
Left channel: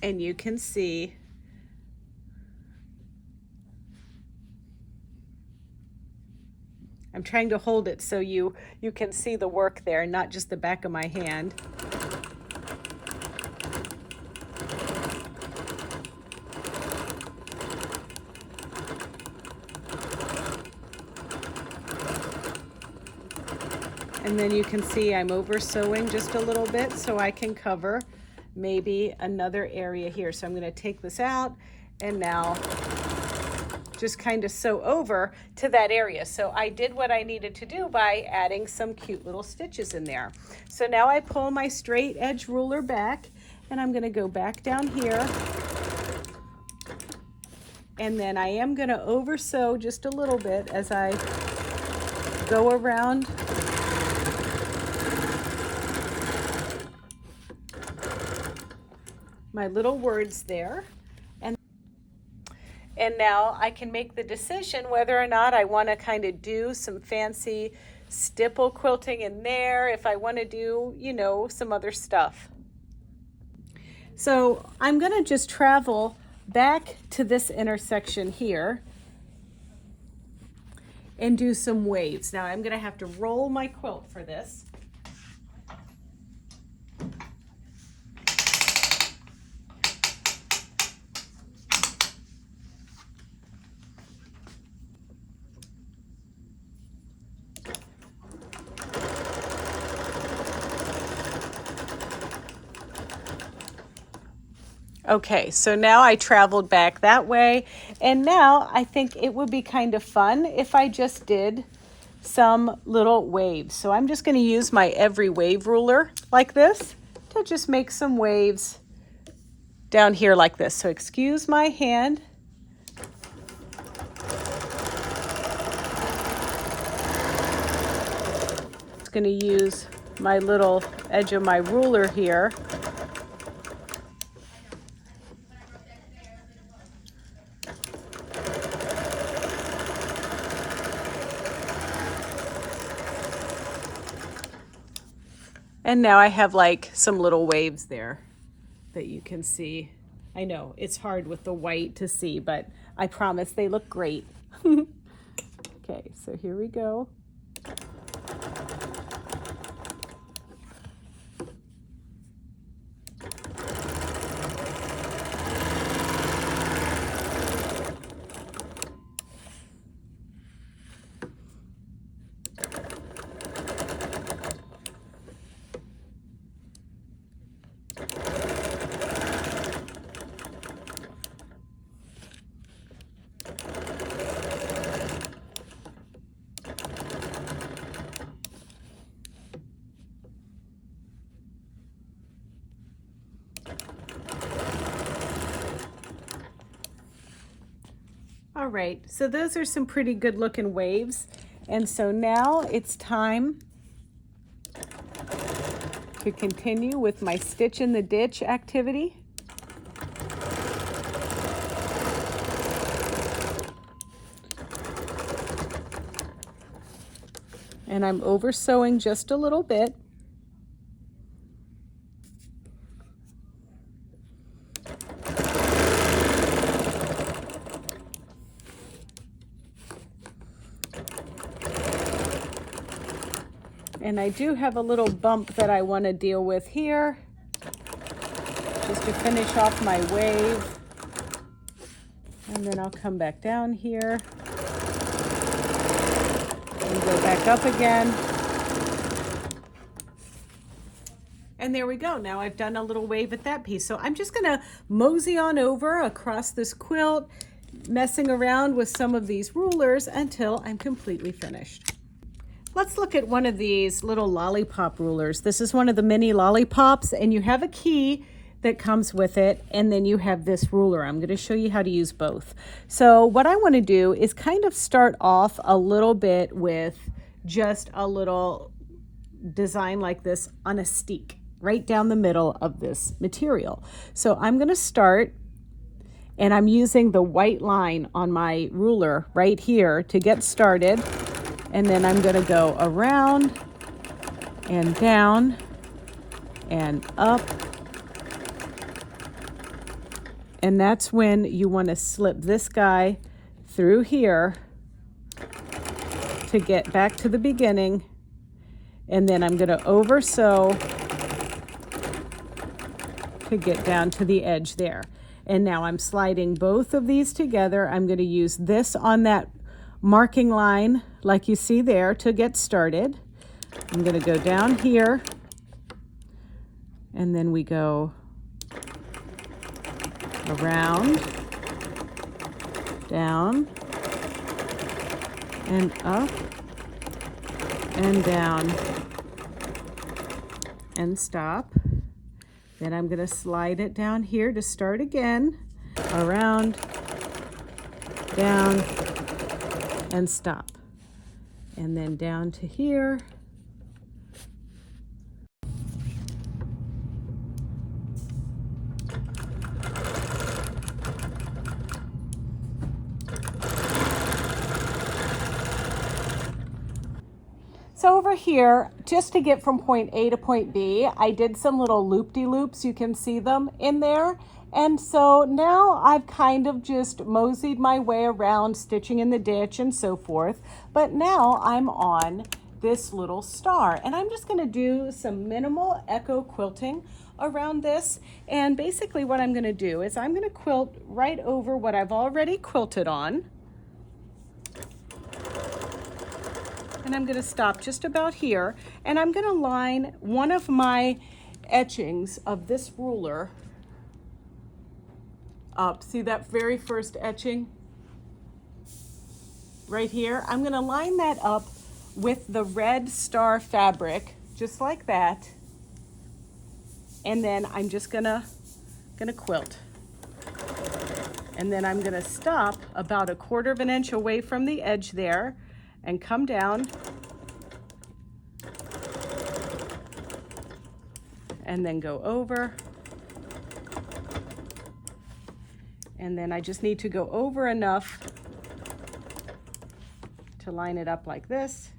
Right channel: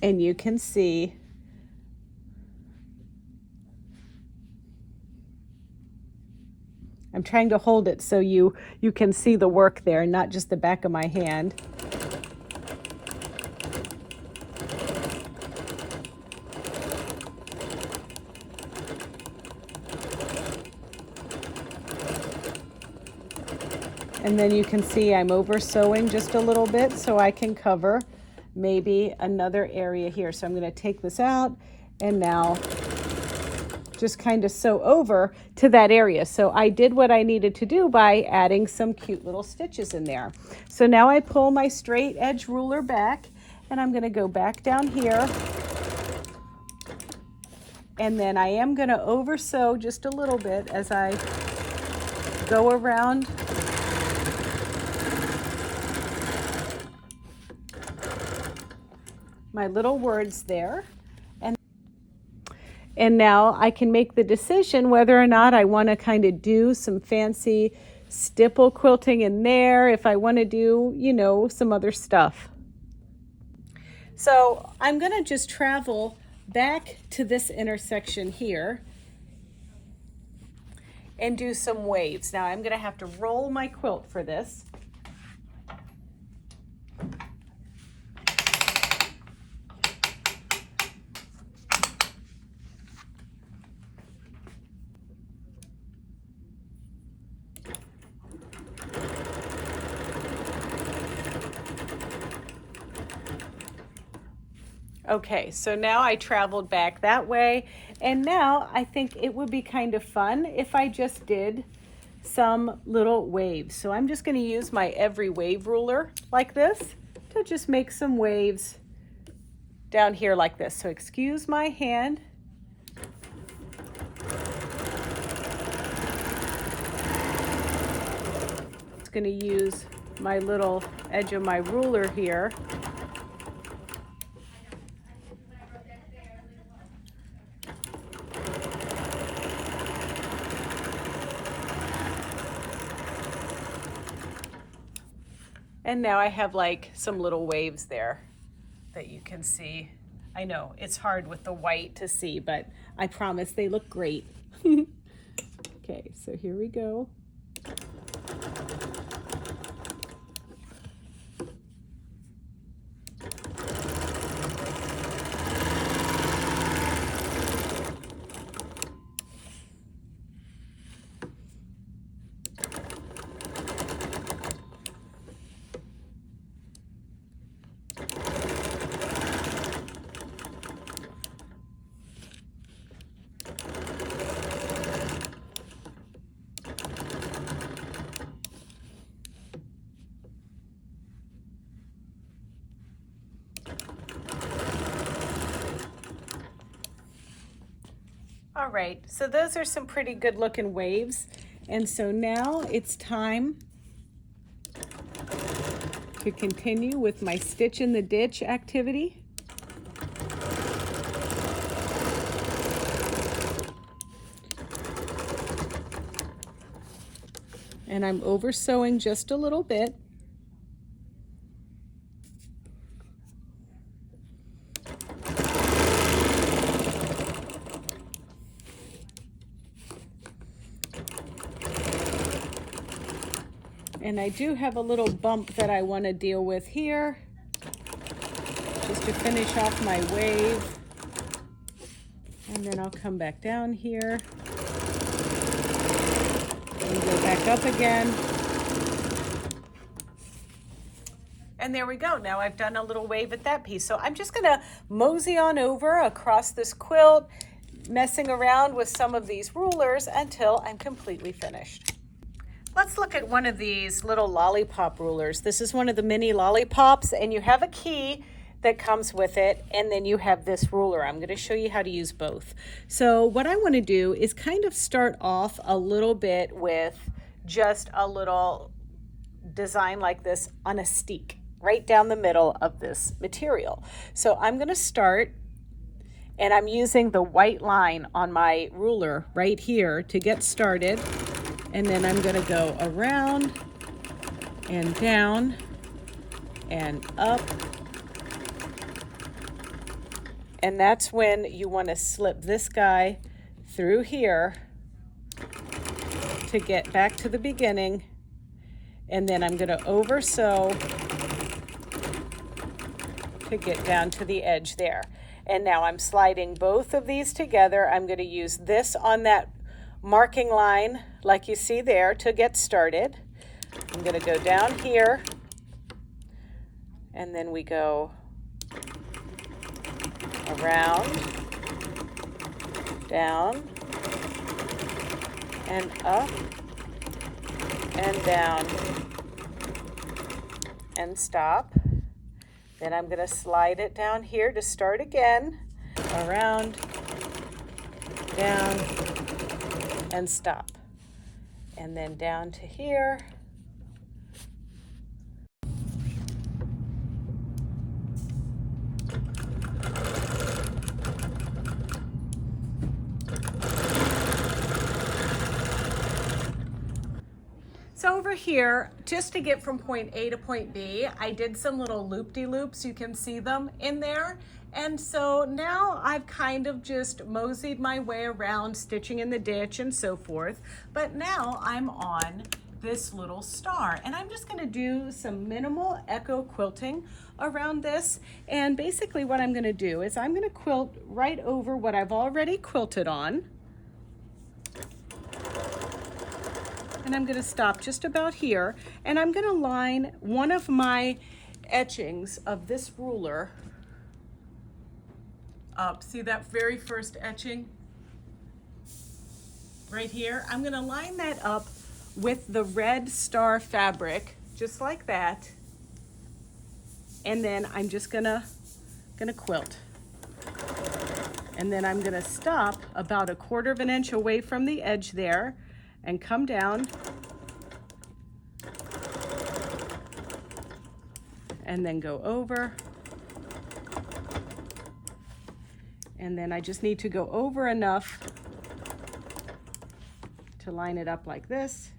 And you can see I'm trying to hold it so you can see the work there, not just the back of my hand. And then you can see I'm over sewing just a little bit so I can cover maybe another area here. So I'm going to take this out and now just kind of sew over to that area. So I did what I needed to do by adding some cute little stitches in there. So now I pull my straight edge ruler back, and I'm going to go back down here, and then I am going to over sew just a little bit as I go around my little words there. And now I can make the decision whether or not I want to kind of do some fancy stipple quilting in there, if I want to do, you know, some other stuff. So I'm going to just travel back to this intersection here and do some waves. Now I'm going to have to roll my quilt for this. Okay, so now I traveled back that way, and now I think it would be kind of fun if I just did some little waves. So I'm just going to use my every wave ruler like this to just make some waves down here like this. So excuse my hand. Just going to use my little edge of my ruler here. And now I have like some little waves there that you can see. I know it's hard with the white to see, but I promise they look great. Okay, so here we go. All right, so those are some pretty good looking waves. And so now it's time to continue with my stitch in the ditch activity. And I'm over sewing just a little bit. And I do have a little bump that I want to deal with here, just to finish off my wave. And then I'll come back down here and go back up again. And there we go. Now I've done a little wave at that piece. So I'm just gonna mosey on over across this quilt, messing around with some of these rulers until I'm completely finished. Let's look at one of these little lollipop rulers. This is one of the mini lollipops, and you have a key that comes with it, and then you have this ruler. I'm going to show you how to use both. So what I want to do is kind of start off a little bit with just a little design like this on a steek right down the middle of this material. So I'm going to start, and I'm using the white line on my ruler right here to get started. And then I'm going to go around and down and up. And that's when you want to slip this guy through here to get back to the beginning. And then I'm going to over sew to get down to the edge there. And now I'm sliding both of these together. I'm going to use this on that marking line like you see there to get started. I'm going to go down here, and then we go around, down, and up, and down, and stop. Then I'm going to slide it down here to start again, around, down, and stop. And then down to here. So over here, just to get from point A to point B, I did some little loop-de-loops. You can see them in there. And so now I've kind of just moseyed my way around, stitching in the ditch and so forth. But now I'm on this little star, and I'm just going to do some minimal echo quilting around this. And basically what I'm going to do is I'm going to quilt right over what I've already quilted on. And I'm going to stop just about here, and I'm going to line one of my etchings of this ruler up. See that very first etching right here? I'm going to line that up with the red star fabric, just like that. And then I'm just gonna quilt. And then I'm gonna stop about 1/4 inch away from the edge there and come down. And then go over. And then I just need to go over enough to line it up like this.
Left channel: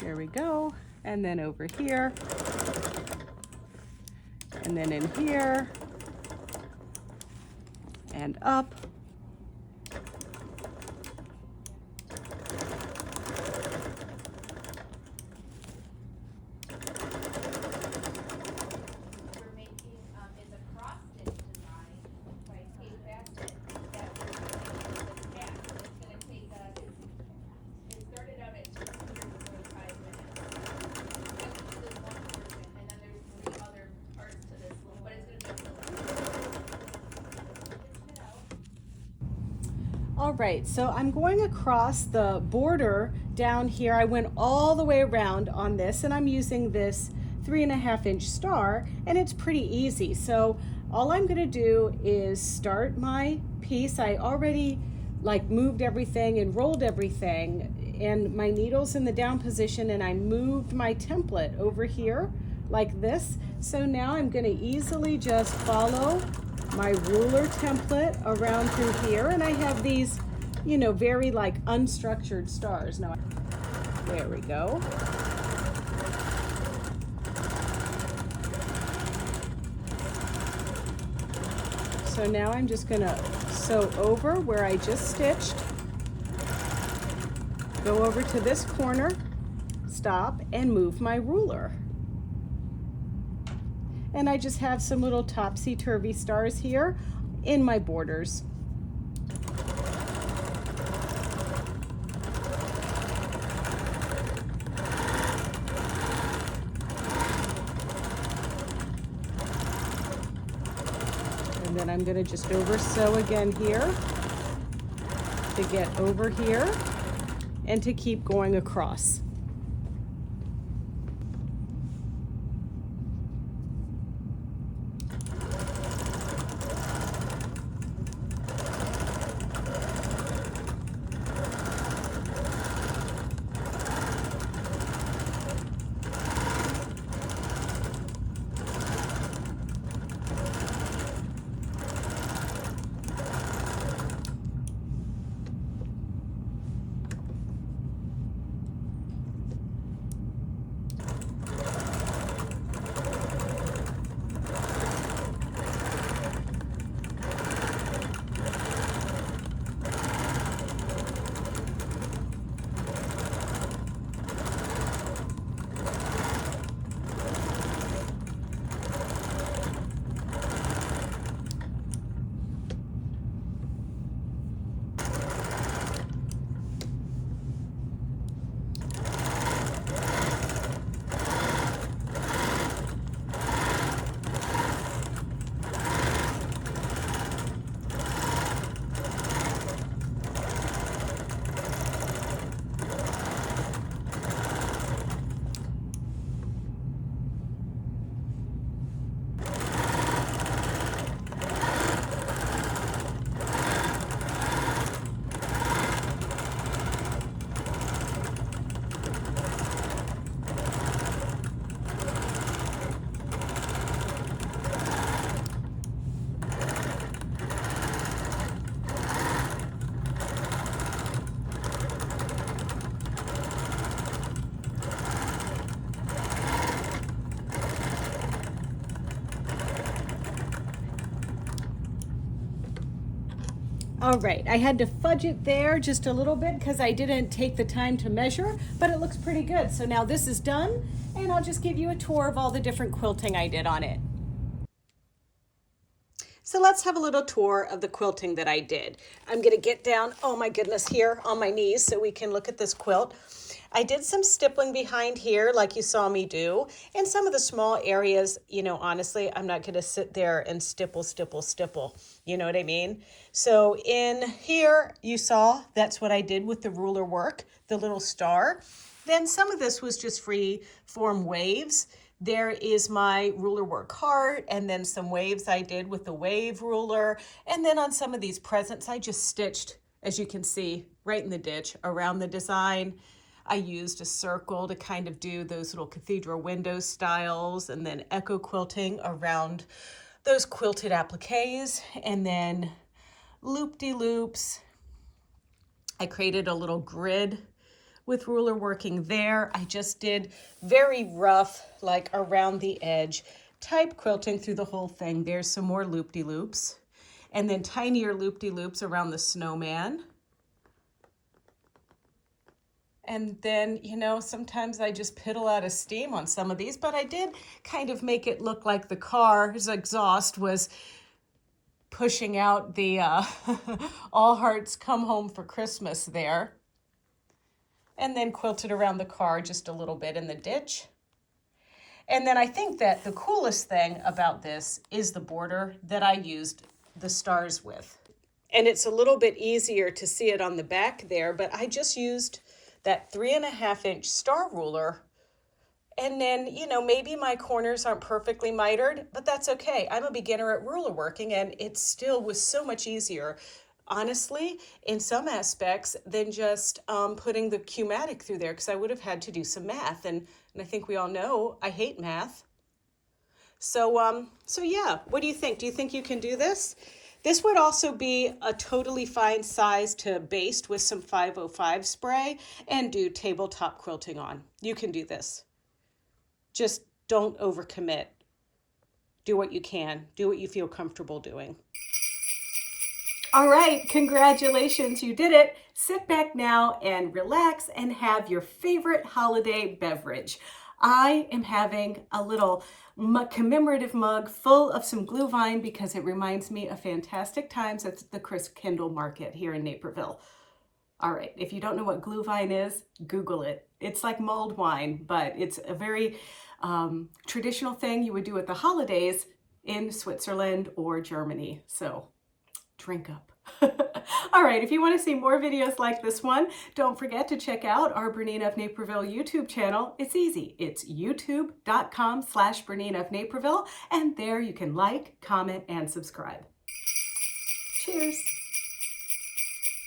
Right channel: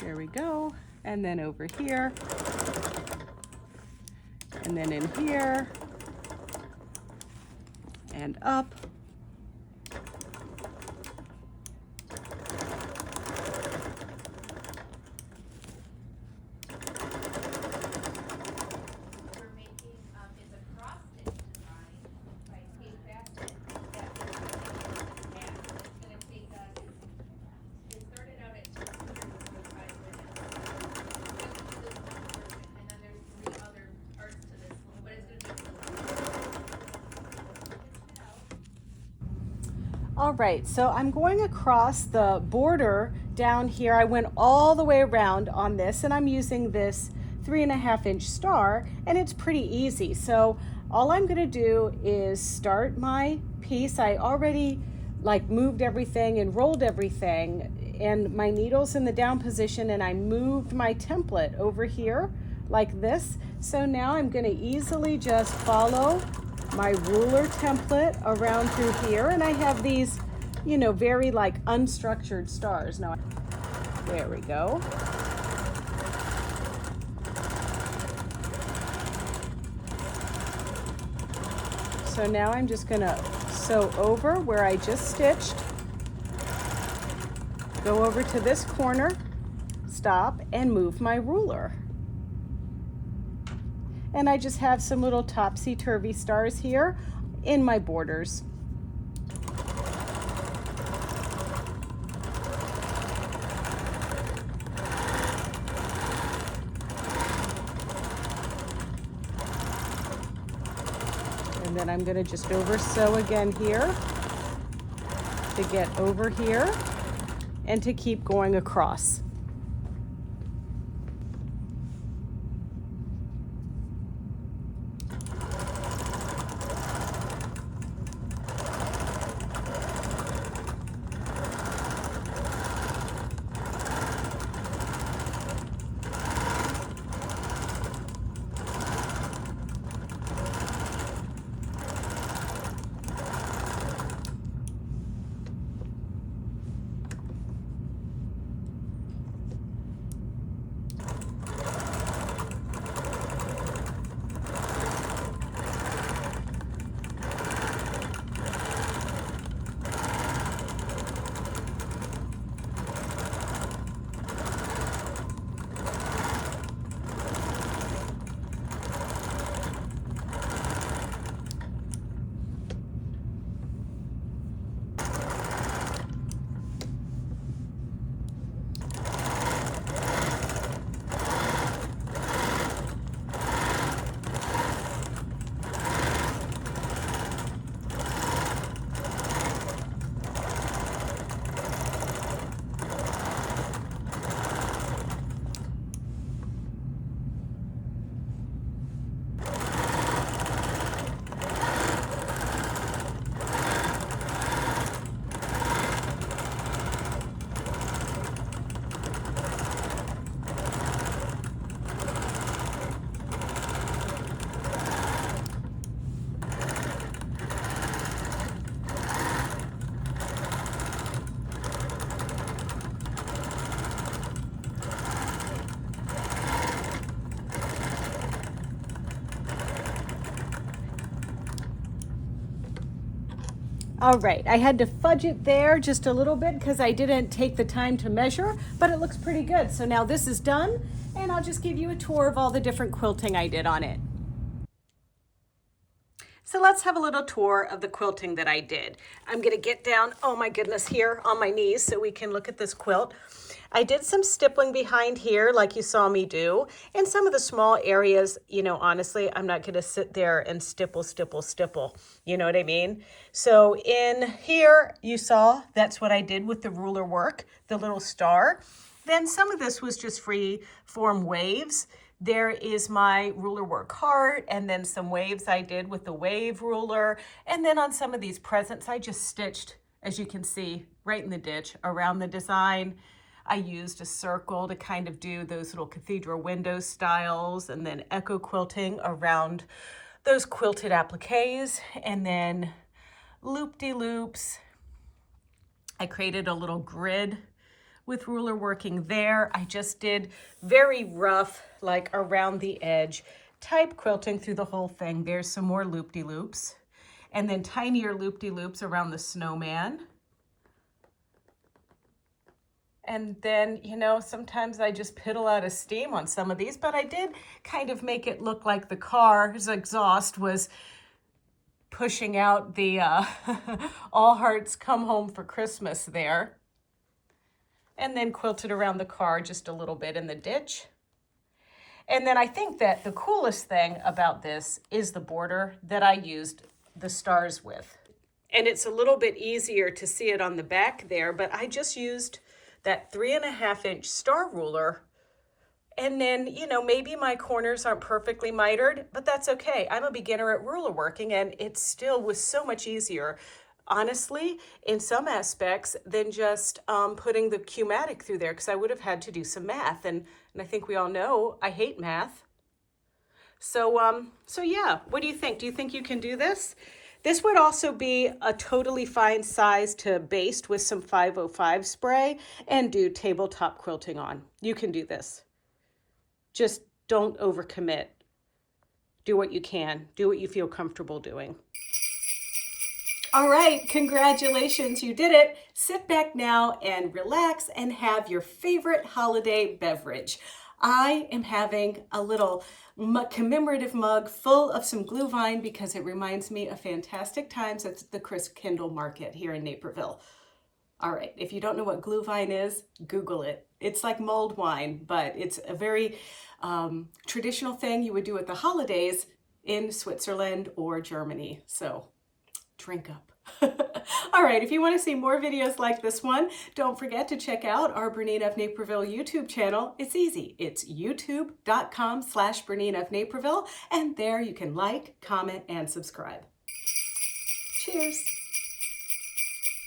There we go. And then over here. And then in here. And up. All right, so I'm going across the border down here. I went all the way around on this, and I'm using this 3.5 inch star, and it's pretty easy. So all I'm gonna do is start my piece. I already like moved everything and rolled everything, and my needle's in the down position, and I moved my template over here like this. So now I'm going to easily just follow my ruler template around through here, and I have these, you know, very like unstructured stars. Now, there we go. So now I'm just going to sew over where I just stitched, go over to this corner, stop, and move my ruler. And I just have some little topsy-turvy stars here in my borders. And then I'm going to just over sew again here to get over here and to keep going across. All right, I had to fudge it there just a little bit because I didn't take the time to measure, but it looks pretty good. So now this is done, and I'll just give you a tour of all the different quilting I did on it. So let's have a little tour of the quilting that I did. I'm gonna get down, oh my goodness, here on my knees so we can look at this quilt. I did some stippling behind here like you saw me do. And some of the small areas, you know, honestly, I'm not gonna sit there and stipple. You know what I mean? So in here, you saw, that's what I did with the ruler work, the little star. Then some of this was just free form waves. There is my ruler work heart, and then some waves I did with the wave ruler. And then on some of these presents, I just stitched, as you can see, right in the ditch around the design. I used a circle to kind of do those little cathedral window styles, and then echo quilting around those quilted appliques, and then loop-de-loops. I created a little grid with ruler working there. I just did very rough, like around the edge type quilting through the whole thing. There's some more loop-de-loops, and then tinier loop-de-loops around the snowman. And then, you know, sometimes I just piddle out of steam on some of these, but I did kind of make it look like the car's exhaust was pushing out the All Hearts Come Home for Christmas there. And then quilted around the car just a little bit in the ditch. And then I think that the coolest thing about this is the border that I used the stars with. And it's a little bit easier to see it on the back there, but I just used that 3.5-inch star ruler And then, you know, maybe my corners aren't perfectly mitered, but that's okay. I'm a beginner at ruler working, and it still was so much easier, honestly, in some aspects, than just putting the Q-matic through there, because I would have had to do some math. And I think we all know I hate math. So yeah, what do you think? Do you think you can do this? This would also be a totally fine size to baste with some 505 spray and do tabletop quilting on. You can do this. Just don't overcommit. Do what you can. Do what you feel comfortable doing. All right, congratulations, you did it. Sit back now and relax and have your favorite holiday beverage. I am having a little commemorative mug full of some Glühwein because it reminds me of fantastic times at the Christkindl Market here in Naperville. All right, if you don't know what Glühwein is, Google it. It's like mulled wine, but it's a very traditional thing you would do at the holidays in Switzerland or Germany. So drink up. All right, if you want to see more videos like this one, don't forget to check out our BERNINA of Naperville YouTube channel. It's easy. It's youtube.com/BERNINA of Naperville, and there you can like, comment, and subscribe. Cheers.